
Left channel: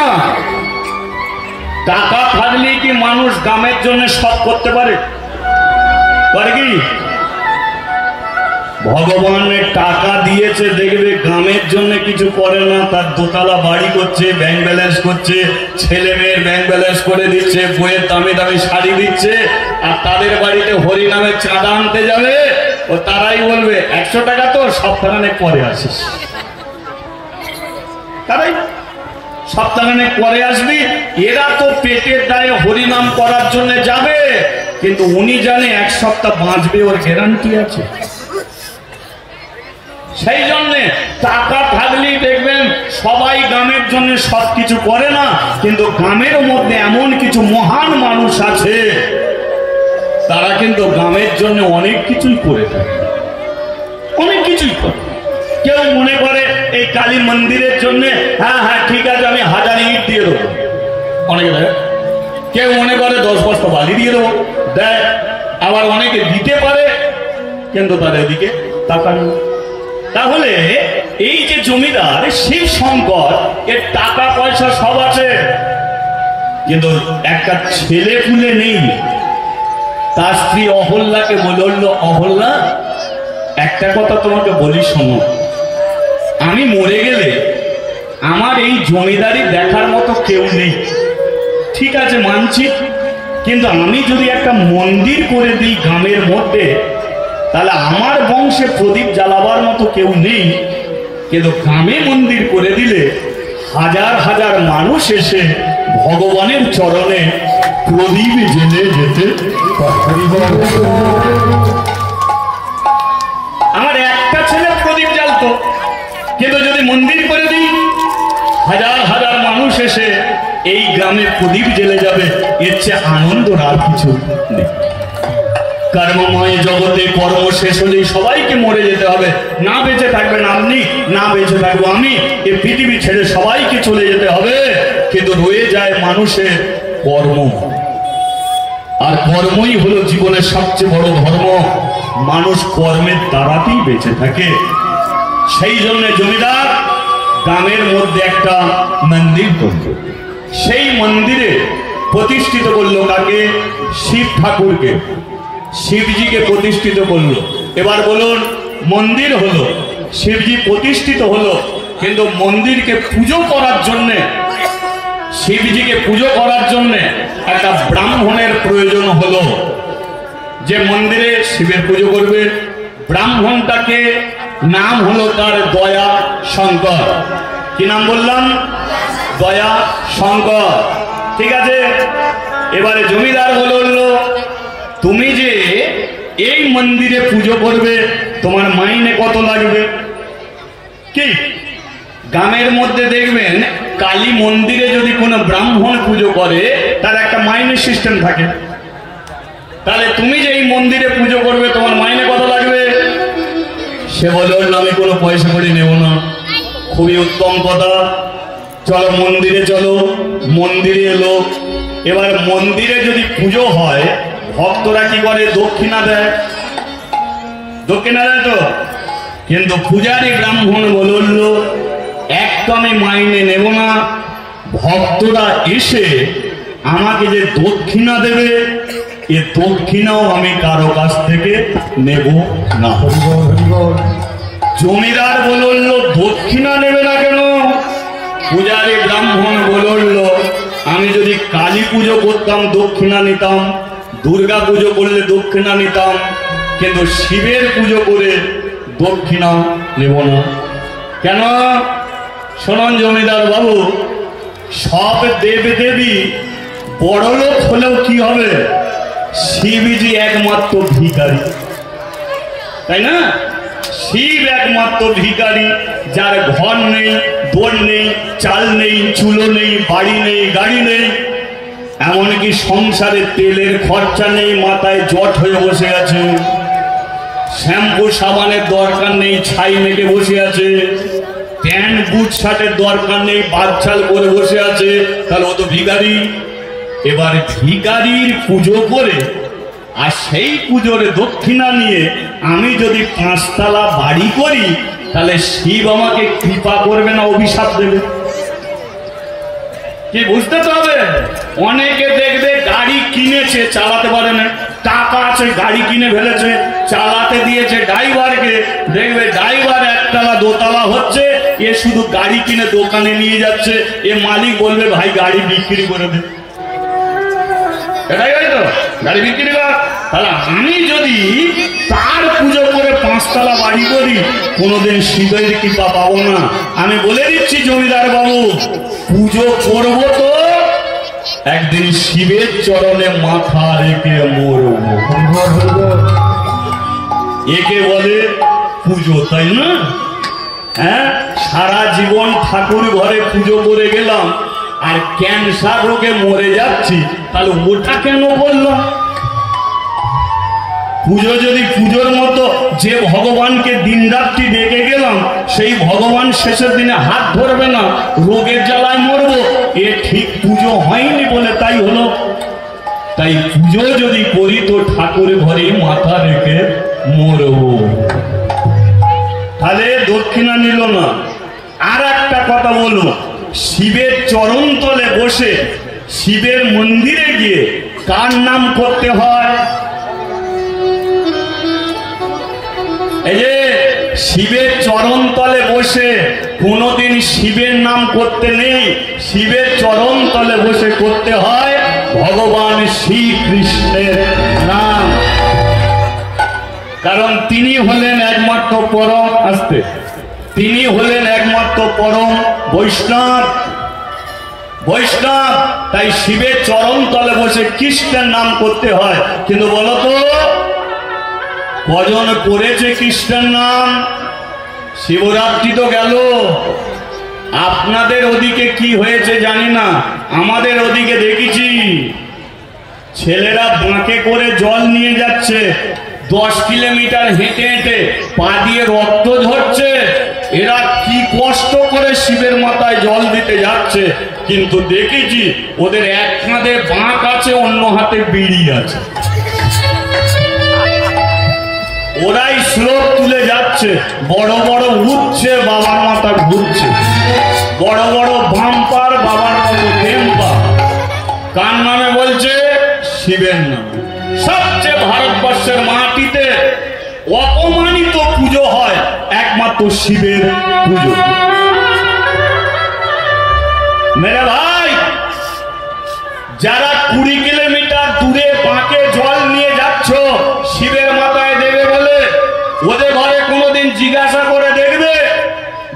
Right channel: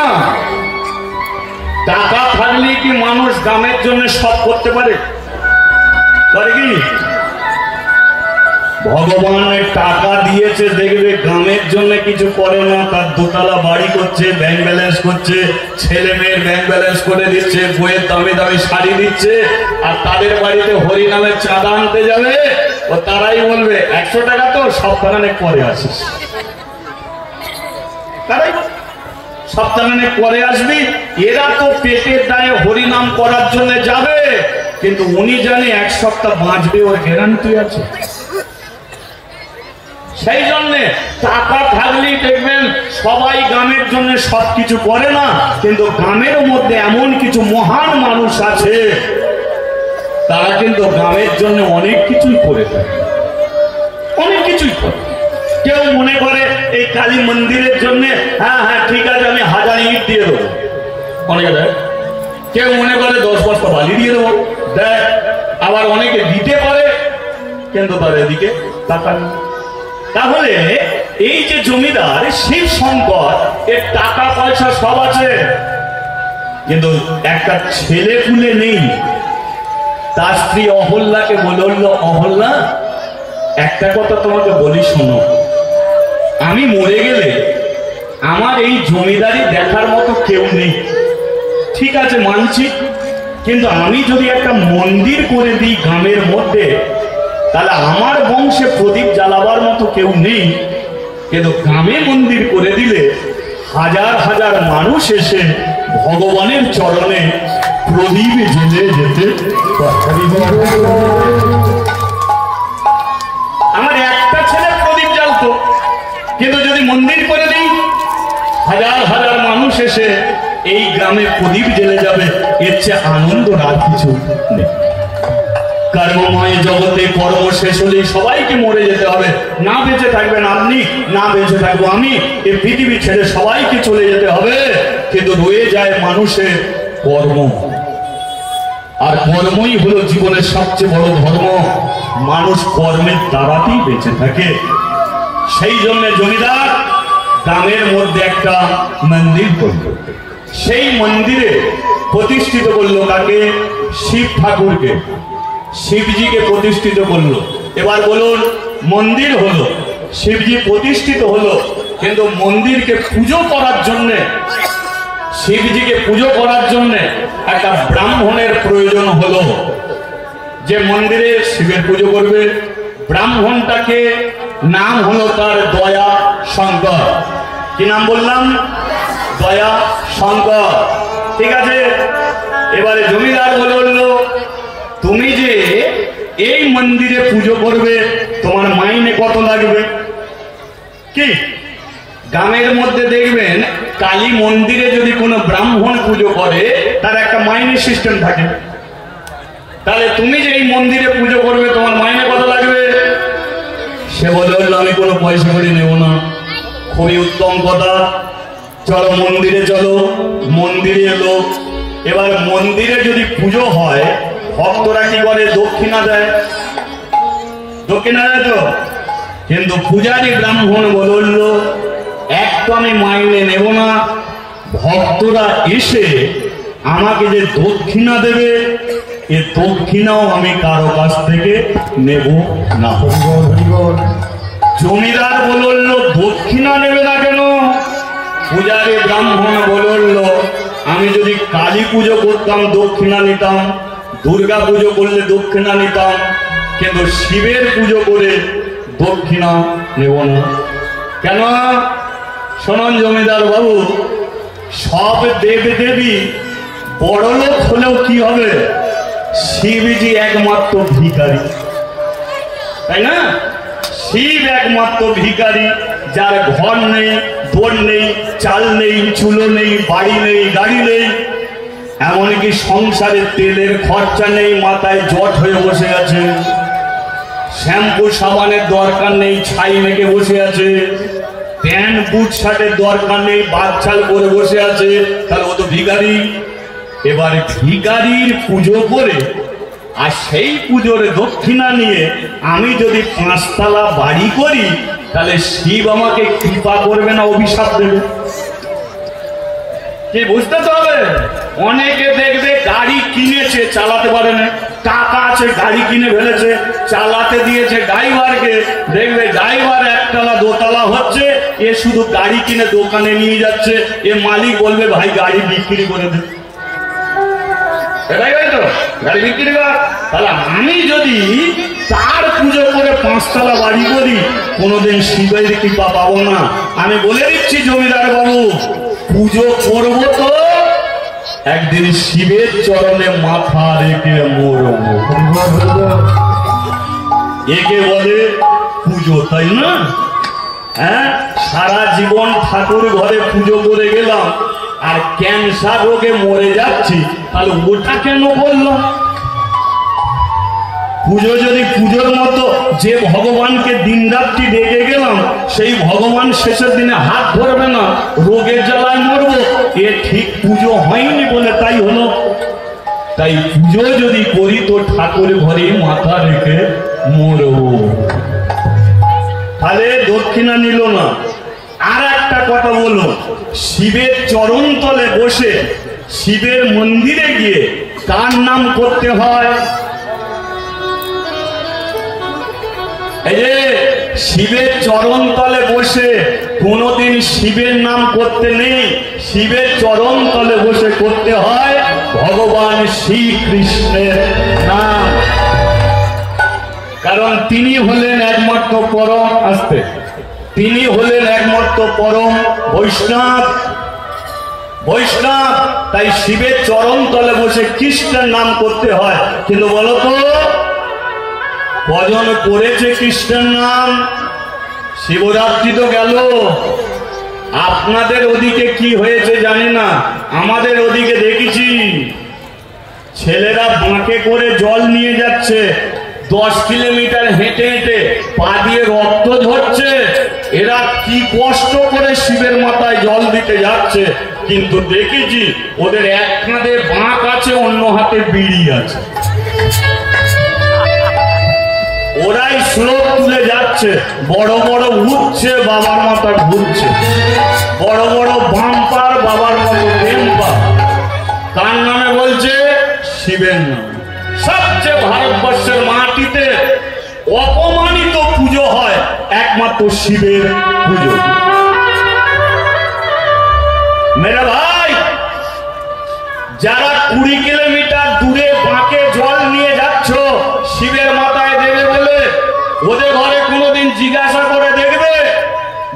টাকা থাকলে কি মানুষ গ্রামের জন্য সব করতে পারে? পারে কি? ভগবানের টাকা দিয়েছে, দেখবে গ্রামের জন্য কিছু করে না। তার দোতলা বাড়ি করছে, ব্যাংক ব্যালেন্স করছে, ছেলে মেয়ের ব্যাংক ব্যালেন্স করে দিচ্ছে, বইয়ের দামি দামি শাড়ি দিচ্ছে, আর তাদের বাড়িতে হরিনামের চাঁদা আনতে যাবে, ও তারাই বলবে 100 টাকা তো সপ্তাহে পরে আসিস। তারাই সপ্তাহে পরে আসবি। এরা তো পেটের দায়ে হরিনাম করার জন্য যাবে, কিন্তু উনি জানে 1 সপ্তাহ বাঁচবে, ওর গ্যারান্টি আছে। সেই জন্য টাকা থাকলেই দেখবেন সবাই গ্রামের জন্য সবকিছু করে না, কিন্তু গ্রামের মধ্যে এমন কিছু মহান মানুষ আছে, তারা কিন্তু গ্রামের জন্য অনেক কিছুই করে থাকে, অনেক কিছুই করে। কেউ মনে করে এই কালী মন্দিরের জন্য, হ্যাঁ হ্যাঁ ঠিক আছে, আমি 1000 ইট দিয়ে দেবো, অনেকে দেয়। কেউ মনে করে 10 বস্তা বালি দিয়ে দেবো, দেয়। আবার অনেকে দিতে পারে, কিন্তু তার এদিকে টাকা নেই। তাহলে এই যে জমিদার শিব শঙ্কর, এর টাকা পয়সা সব আছে, কিন্তু একটা ছেলে পুলে নেই। তার স্ত্রী অহল্যাকে বলল, অহল্যা একটা কথা তোমাকে বলি, শোনো, আমি মরে গেলে আমার এই জমিদারি দেখার মতো কেউ নেই, ঠিক আছে মানছি, কিন্তু আমি যদি একটা মন্দির করে দিই গ্রামের মধ্যে, তাহলে আমার বংশে প্রদীপ জ্বালাবার মতো কেউ নেই, কিন্তু গ্রামে মন্দির করে দিলে হাজার হাজার মানুষ এসে ভগবানের চরণে প্রদীপ জেলে যেতে। আমার একটা ছেলে প্রদীপ জ্বালতো, কিন্তু যদি মন্দির করে দিই হাজার হাজার মানুষ এসে এই গ্রামে প্রদীপ জ্বেলে যাবে, এর চেয়ে আনন্দ আর কিছু নেই। কর্মময় জগতে কর্ম শেষ হলেই সবাইকে মরে যেতে হবে, না বেঁচে থাকবেন আপনি, না বেঁচে থাকবো আমি, এই পৃথিবী ছেড়ে সবাইকে চলে যেতে হবে। কিন্তু রয়ে যায় মানুষের কর্ম, আর কর্মই হলো জীবনের সবচেয়ে বড় ধর্ম। মানুষ কর্মের দ্বারাতেই বেঁচে থাকে। সেই জন্য জমিদার গ্রামের মধ্যে একটা মন্দির করল। সেই মন্দিরে প্রতিষ্ঠিত করলো কাকে? শিব ঠাকুরকে, শিবজিকে প্রতিষ্ঠিত করলো। এবার বলুন, মন্দির হলো, শিবজি প্রতিষ্ঠিত হলো, কিন্তু মন্দিরকে পুজো করার জন্যে, শিবজিকে পুজো করার জন্য একটা ব্রাহ্মণের প্রয়োজন হলো, যে মন্দিরে শিবের পুজো করবে। ব্রাহ্মণটাকে নাম হলো তার দয়া শঙ্কর। কি নাম বললাম? দয়া শঙ্কর। ঠিক আছে, এবারে জমিদার বলল, তুমি যে এই মন্দিরে পুজো করবে, তোমার মাইনে কত লাগবে? কি গ্রামের মধ্যে দেখবেন কালী মন্দিরে যদি কোনো ব্রাহ্মণ পুজো করে, তার একটা মাইনে সিস্টেম থাকে। তাহলে তুমি যে এই মন্দিরে পুজো করবে, তোমার মাইনে কত লাগবে? সে বলে, আমি কোনো পয়সা করে নেব না। খুবই উত্তম কথা, চলো মন্দিরে চলো। মন্দিরে এলো। এবার মন্দিরে যদি পুজো হয়, ভক্তরা কি করে? দক্ষিণা দেয়, দক্ষিণা দেয় তো। কিন্তু পূজারী ব্রাহ্মণ বলল, একটু আমি মাইনে নেব না, ভক্তরা এসে আমাকে যে দক্ষিণা দেবে, এ দক্ষিণাও আমি কারো কাছ থেকে নেব না। জমিদার বলল, দক্ষিণা নেবে না কেন? পূজারী ব্রাহ্মণ বলল, আমি যদি কালী পুজো করতাম দক্ষিণা নিতাম, দুর্গা পুজো করলে দক্ষিণা নিতাম, কিন্তু শিবের পুজো করে দক্ষিণা নেব না। কেন? শোনুন জমিদার বাবু, সব দেব দেবী বড় লোক হলেও কি হবে? শিবজি একমাত্র ভিখারি, তাই না? শিব একমাত্র ভিখারি, যার ঘর নেই, দোর নেই, চাল নেই, চুলো নেই, বাড়ি নেই, গাড়ি নেই, এমনকি সংসারে তেলের খরচা নেই, মাথায় জট হয়ে বসে আছে, শ্যাম্পু সাবানের দরকার নেই, ছাই মেখে বসে আছে, প্যান্ট বুট শার্টের দরকার নেই, বাচ্চাল করে বসে আছে, তাহলে ও তো ভিখারি। এবার ভিখারির পুজো করে আর সেই পুজোর দক্ষিণা নিয়ে আমি যদি 5 তলা বাড়ি করি, তাহলে শিব আমাকে কৃপা করবে না অভিশাপ দেবে? কি বুঝতে হবে? অনেকে দেখবে গাড়ি কিনেছে, চালাতে পারে না, টাকা আছে, গাড়ি কিনে ফেলেছে, চালাতে দিয়েছে ড্রাইভারকে, দেখবে ড্রাইভার 1 তলা 2 তলা হচ্ছে, এ শুধু গাড়ি কিনে দোকানে নিয়ে যাচ্ছে, এ মালিক বলবে ভাই গাড়ি বিক্রি করে দে, গাড়ি বিক্রি কর। তাহলে আমি যদি তার পুজো করে 5 তলা বাড়ি করি, কোনোদিন শিবের কৃপা পাবো না। আমি বলে দিচ্ছি জমিদার বাবু, পুজো করবো তো একদিন শিবের চরণে মাথা রেখে মরবো। একে বলে পুজো, তাই না? হ্যাঁ, সারা জীবন ঠাকুর ঘরে পুজো করে গেলাম, আর ক্যান্সার রোগে মরে যাচ্ছি, তাহলে ওটা কেন বললাম? পুজো যদি পুজোর মতো, যে ভগবানকে দিন রাত্রি ডেকে গেলাম, সেই ভগবান শেষের দিনে হাত ধরবে না, রোগের জ্বালায় মরবো, এ ঠিক পুজো হয়নি বলে তাই হলো। তাই পুজো যদি করি তো ঠাকুর ঘরে মাথা রেখে মরবো। তাহলে দক্ষিণা নিল না। আর একটা কথা বলো, শিবের চরণ তলে বসে শিবের মন্দিরে গিয়ে কার নাম করতে হয়? এই যে শিবের চরণ তলে বসে কোনদিন শিবের নাম করতে নেই, শিবের চরণ তলে বসে করতে হয় ভগবান শ্রীকৃষ্ণের নাম। কারণ তিনি হলেন একমাত্র পরম, আসতে তিনি হলেন একমাত্র পরম বৈষ্ণব। বৈষ্ণব, তাই শিবের চরণ তলে বসে কৃষ্ণের নাম করতে হয়। কিন্তু বলতো কজন করেছে কৃষ্ণের নাম? শিবরাত্রি তো গেল, আপনাদের ওদিকে কি হয়েছে জানি না, আমাদের ওদিকে দেখেছি ছেলেরা বাঁকে করে জল নিয়ে যাচ্ছে, 10 কিলোমিটার হেঁটে হেঁটে পা দিয়ে রক্ত ঝরছে। এরা কি কষ্ট করে শিবের মাথায় জল দিতে যাচ্ছে, কিন্তু দেখেছি ওদের এক হাতে বাঁক আছে, অন্য হাতে বিড়ি আছে। ওরাই স্লোপ তুলে যাচ্ছে, বড় বড় উঠছে, বাবার মাথা ঘুরছে, বড় বড় বাম্পার, বাবার মাথায় টেম্পার। কার নামে বলছে? শিবের নামে। সবচেয়ে ভারতবর্ষের মাটিতে অপমানিত পুজো হয় একমাত্র শিবের পুজো। মেরা ভাই, যারা 20 কিলোমিটার দূরে বাঁকে জল নিয়ে যাচ্ছ শিবের মাথায় দেবে বলে, ওদের ঘরে কোনোদিন জিজ্ঞাসা করে দেখবে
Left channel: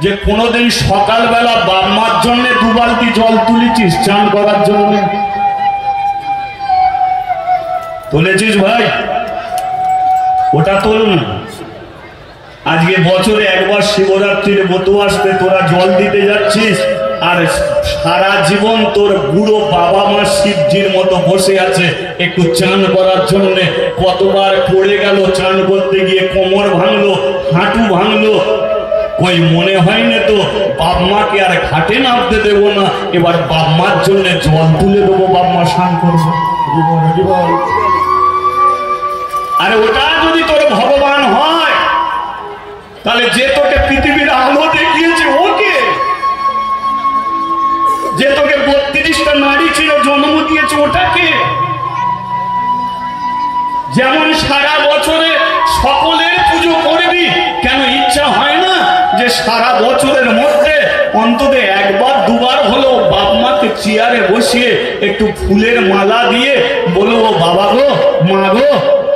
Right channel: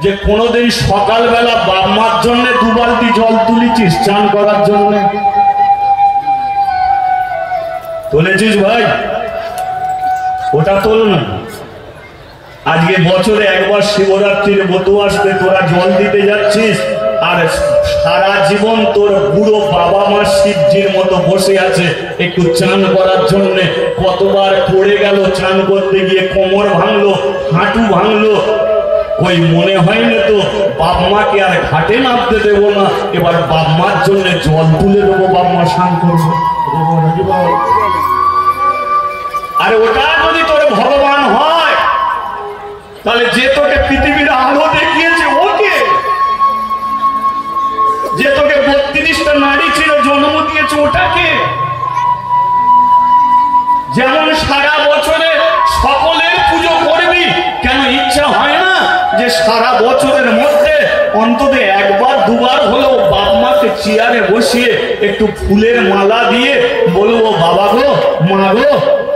যে কোনোদিন সকালবেলা বাপ মার জন্য 2 বালতি জল তুলেছিস চান করার জন্য? তুলেছিস ভাই? ওটা তোল না। আজকে বছরে একবার শিবরাত্রির ব্রত আসতে তোরা জল দিতে যাচ্ছিস, আর সারা জীবন তোর বুড়ো বাবা মা শিবজির মতো বসে আছে একটু চান করার জন্য। কতবার পড়ে গেল চান করতে গিয়ে, কোমর ভাঙলো, হাঁটু ভাঙলো, ওই মনে হয় না তো বাপ মাকে আর ঘাটে নামতে দেবো না, এবার বাপ মার জন্য জল তুলে দেবো, বাপ মা স্নান করবো। আরে ওটা যদি তোর ভগবান হয়, তাহলে যে তোকে পৃথিবীর আলো দেখিয়েছে ওকে, যে তোকে 32টা নারী ছিল জন্ম দিয়েছে ওটাকে, যেমন সারা বছরে সকলের পুজো করবি, কেন ইচ্ছা হয় না যে সারা বছরের মধ্যে অন্তত একবার 2বার হলেও বাপ মাকে চেয়ারে বসিয়ে একটু ফুলের মালা দিয়ে বলবো, বাবা গো, মা গো,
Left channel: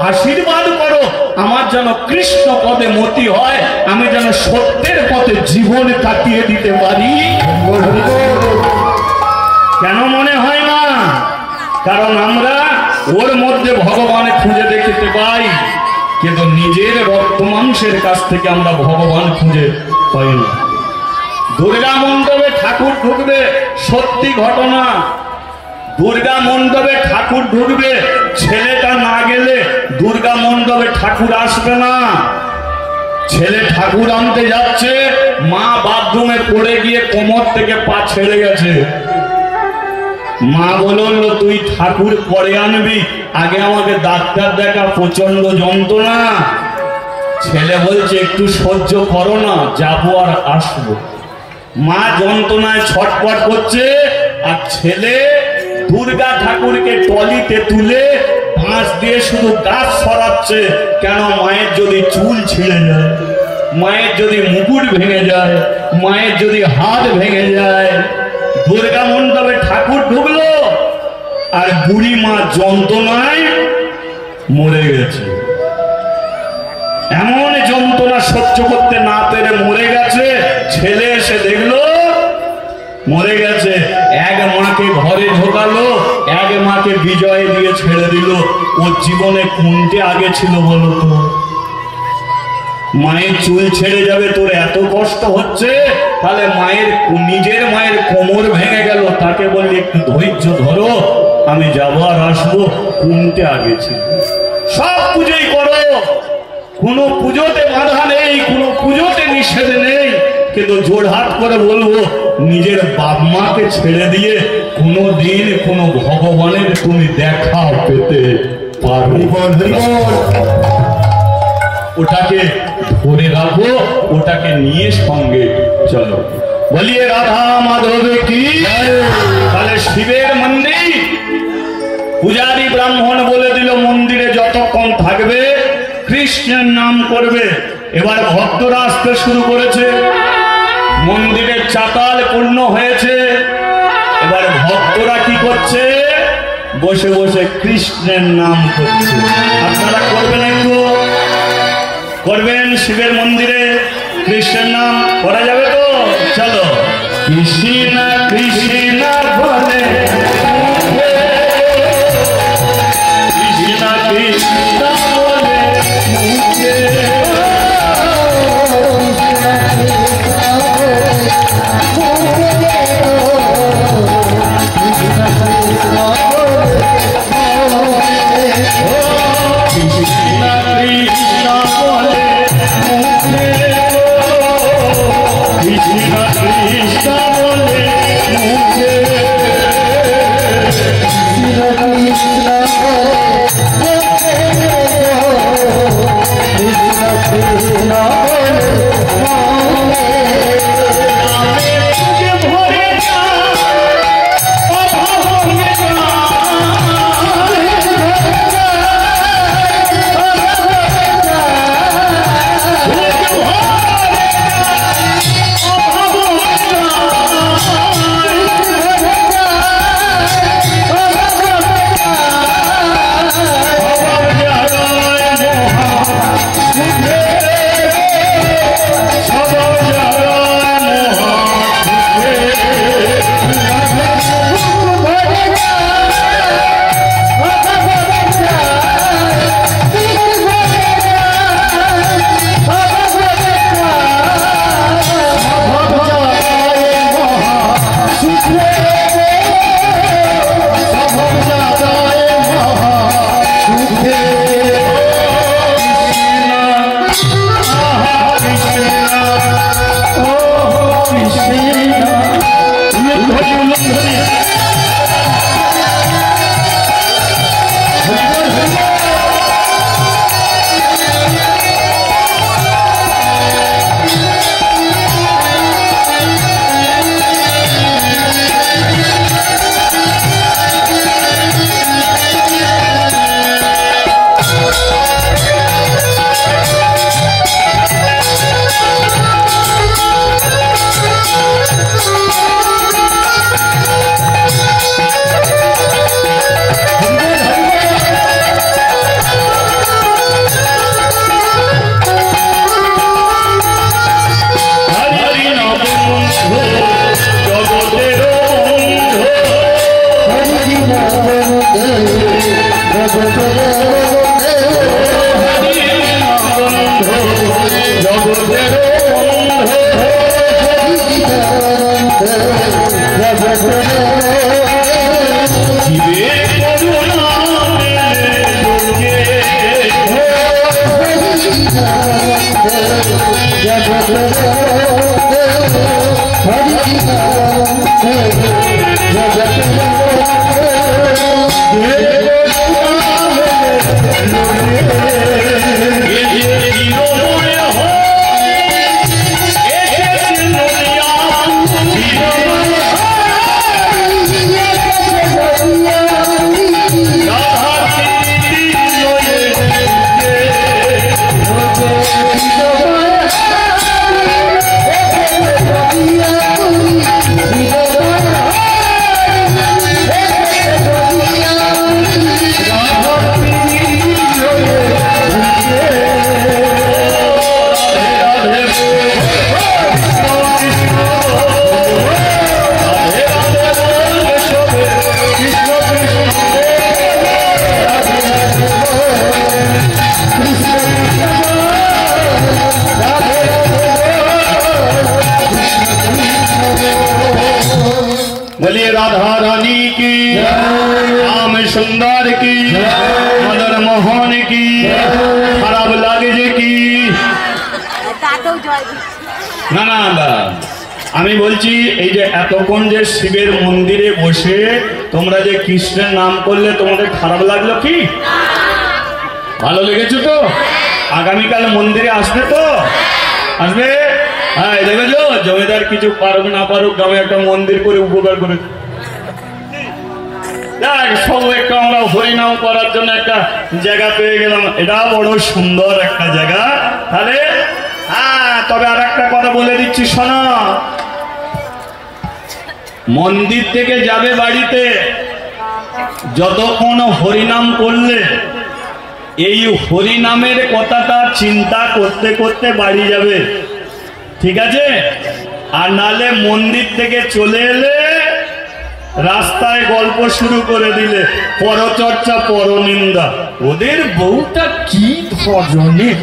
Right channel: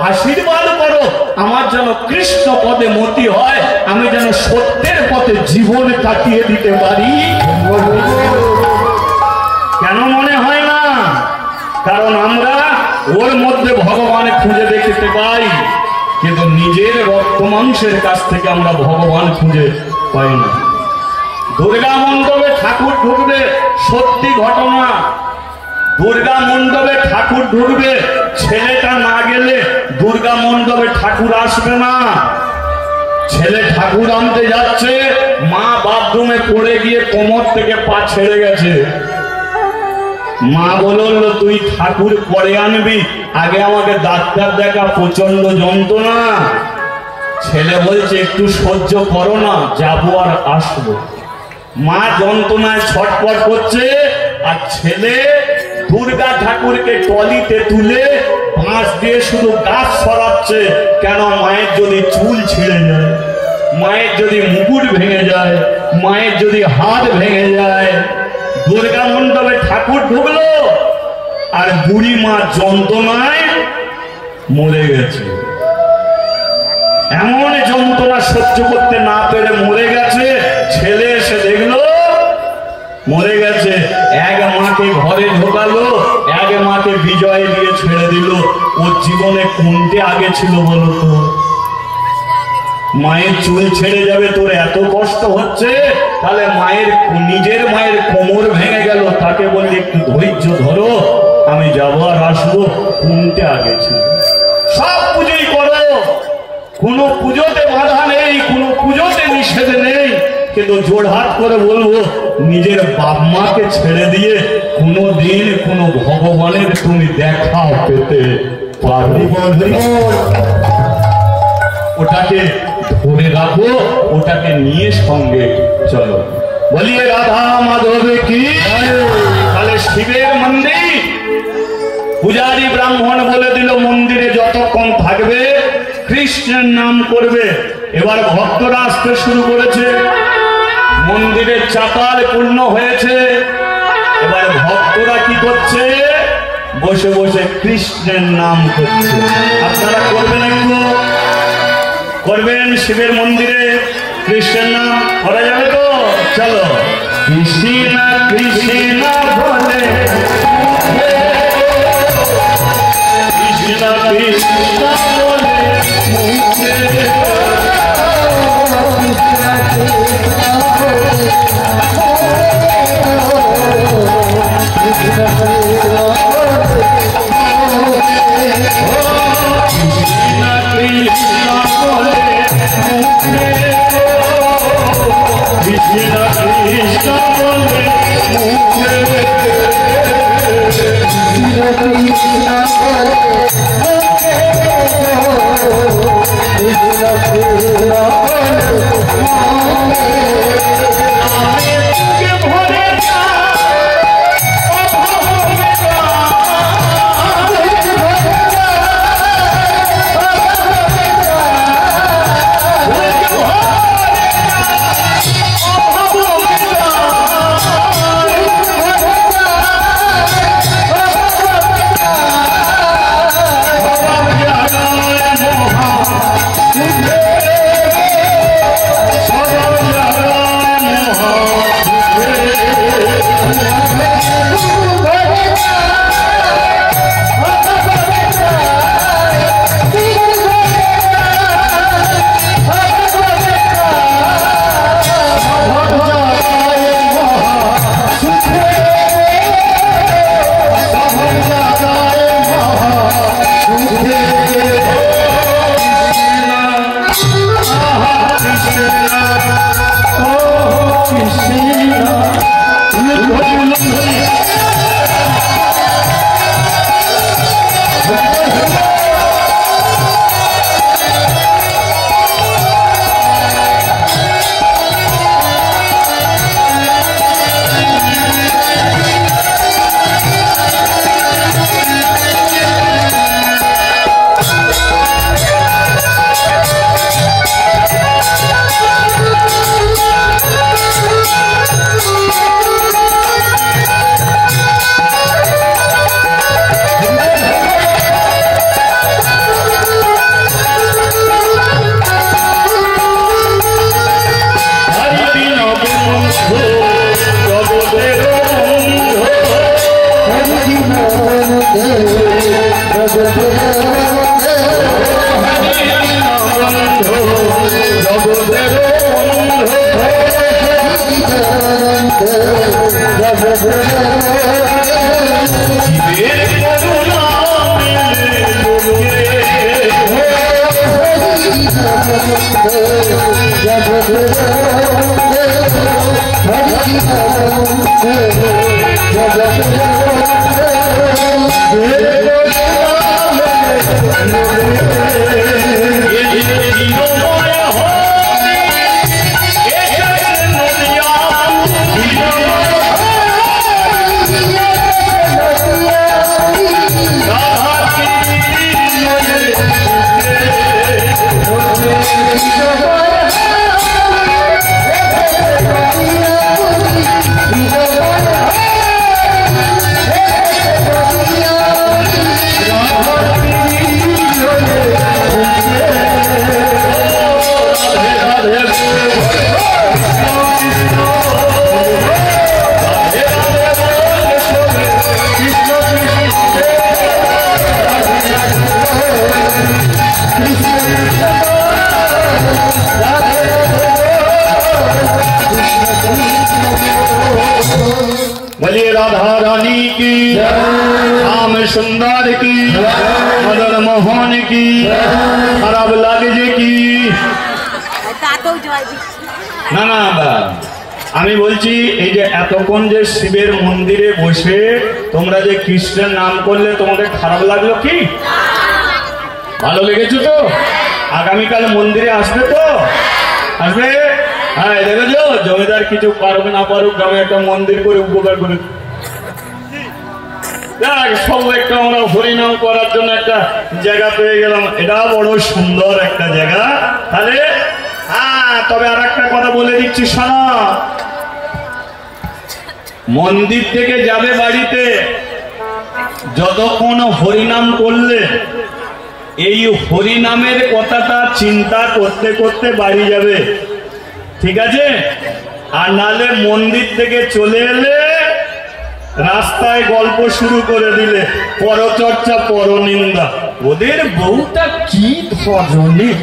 আশীর্বাদ করো, আমার যেন কৃষ্ণ পদে মতি হয়, আমি যেন সত্যের পথে জীবন কাটিয়ে দিতে পারি। কেন মনে হয় না? কারণ আমরা ওর মধ্যে ভগবান খুঁজে দেখতে পাই, কিন্তু নিজের রক্ত মাংসের কাছ থেকে আমরা ভগবান খুঁজে পাই না। দুর্গা মণ্ডপে ঠাকুর ঢুকবে, সত্যি ঘটনা, দুর্গা মণ্ডপে ঠাকুর ঢুকবে, ছেলেটা না গেলে দুর্গা মণ্ডপে ঠাকুর আসবে না। ছেলে ঠাকুর আনতে যাচ্ছে, মা বাথরুমে পড়ে গিয়ে কোমর থেকে পা ছেড়ে গেছে। মা বলল, তুই ঠাকুর পরে আনবি, আগে আমাকে ডাক্তার দেখা, প্রচন্ড যন্ত্রণা। ছেলে বলছে, একটু সহ্য করো না, যাবো আর আসবো। মা যন্ত্রণায় ছটফট করছে, আর ছেলে দুর্গা ঠাকুরকে টলিতে তুলে বাঁশ দিয়ে শুধু গাছ সরাচ্ছে। কেন? মায়ের যদি চুল ছিঁড়ে যায়, মায়ের যদি মুকুট ভেঙে যায়, মায়ের যদি হাত ভেঙে যায়। দুর্গা মণ্ডপে ঠাকুর ঢুকলো, আর বুড়ি মা যন্ত্রণায় মরে গেছে। এমন যন্ত্রণা সহ্য করতে না পেরে মরে গেছে। ছেলে এসে দেখলো মরে গেছে। এক মাকে ঘরে ঢোকালো, এক মাকে বিজয় দিয়ে ছেড়ে দিল। ওর জীবনে কোনটি আগে ছিল বলতো? মায়ের চুল ছেড়ে যাবে, তোর এত কষ্ট হচ্ছে, তাহলে মায়ের নিজের মায়ের কোমর ভেঙে গেল, তাকে বললি একটু ধৈর্য ধরো, আমি যাবো আর আসবো। কোনটা আগে ছিল? সব পুজোই করো, কোনো পুজোতে বাধা নেই, কোনো পুজোতে নিষেধ নেই, কিন্তু জোড়হাত করে বলবো, নিজের বাপ মাকে ছেড়ে দিয়ে কোনোদিন কোনো ভগবানের তুমি দেখা পেতে পারবে? ওটাকে ধরে রাখো, ওটাকে নিয়ে সঙ্গে চলো। বলিয়ে রাধা মাধব কি। তাহলে শিবের মন্দির, পূজারী ব্রাহ্মণ বলে দিল, মন্দিরে যতক্ষণ থাকবে কৃষ্ণের নাম করবে। এবার ভক্তরা আসতে শুরু করেছে, মন্দিরের চাতাল পূর্ণ হয়েছে। এবার ভক্তরা কি করছে? বসে বসে কৃষ্ণের নাম করছে। আপনারা করবেন, একটু করবেন শিবের মন্দিরে কৃষ্ণের নাম করা যাবে তো? চলো, কৃষ্ণ কৃষ্ণ বলে, কৃষ্ণ কৃষ্ণ বলে, মুখে बोलिए राधा रानी की, श्याम सुंदर की, मदन मोहन की, खराब लाल जी की। না না আমি বলছি এই যে এতক্ষণ যে শিবের মন্দিরে বসে তোমরা যে কৃষ্ণের নাম করলে তোমাদের খারাপ লাগলো কি? ভালো লেগেছে তো? আগামীকাল মন্দিরে আসবে তো? আসবে? হ্যাঁ দেখেছো জমিদার কিছু পারুক না পারুক গ্রামে একটা মন্দির করে উপকার করে সব একটা আমরা হরিনাম করার জন্য একটা জায়গা পেয়ে গেলাম। এটা বড় সুন্দর একটা জায়গা। তাহলে হ্যাঁ তবে আর একটা কথা বলে দিচ্ছি শোনো, মন্দির থেকে যাবে বাড়িতে যতক্ষণ হরিনাম করলে এই হরিনামের কথাটা চিন্তা করতে করতে বাড়ি যাবে, ঠিক আছে? আর নালে মন্দির থেকে চলে এলে রাস্তায় গল্প শুরু করে দিলে পরচর্চা পরনিন্দা, ওদের বউটা কি ধরনের।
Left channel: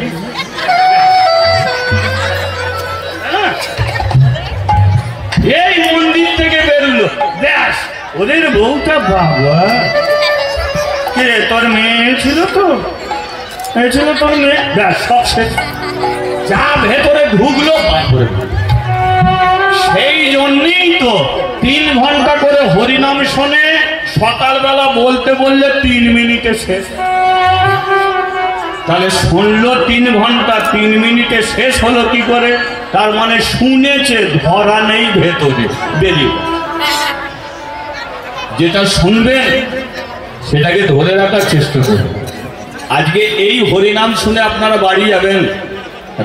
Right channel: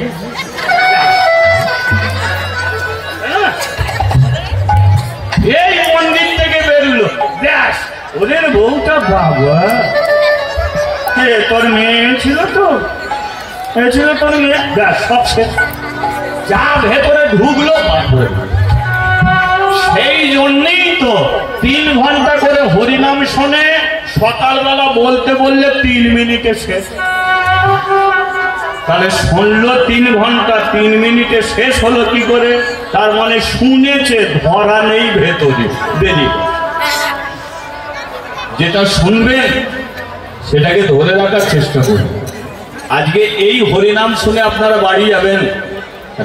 এই মন্দির থেকে বেরোলো ব্যাস ওদের বউটা বাবা, তোর মেয়ে ছিল তো, ছিল তোর মেয়ে, ব্যাস সব শেষ। যা ভেতরে ঢুকলো সেই জন্যই তো 3 ঘন্টা করে হরিনাম শোনে, সকালবেলা বলতে বললে 3 মিনিটে শেষ। তাহলে শুনলো 3 ঘন্টা, 3 মিনিটে শেষ হলো কি করে? তার মানে শুনেছে, ধরা নেই ভেতরে বেরিয়ে। যেটা শুনবেন সেটাকে ধরে রাখার চেষ্টা করবেন। আজকে এই হরিনাম শুনে আপনারা বাড়ি যাবেন,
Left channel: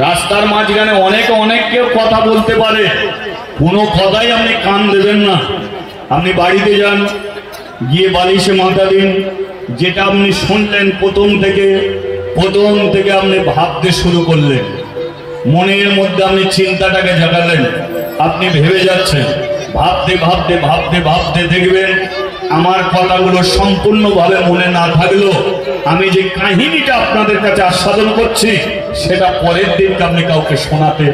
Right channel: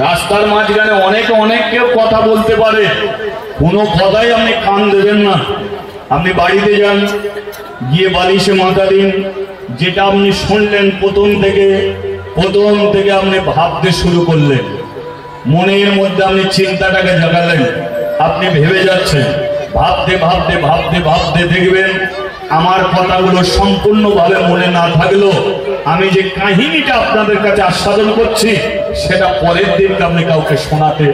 রাস্তার মাঝখানে অনেক কেউ কথা বলতে পারে, কোনো কথাই আপনি কান দেবেন না। আপনি বাড়িতে যান, গিয়ে বালিশে মাথা দিন, যেটা আপনি শুনলেন প্রথম থেকে আপনি ভাবতে শুরু করলেন, মনের মধ্যে আপনি চিন্তাটাকে জাগালেন, আপনি ভেবে যাচ্ছেন, ভাবতে দেখবেন আমার কথাগুলো সম্পূর্ণভাবে মনে না থাকলেও আমি যে কাহিনীটা আপনাদের কাছে আস্বাদন করছি সেটা পরের দিনকে আপনি কাউকে শোনাতে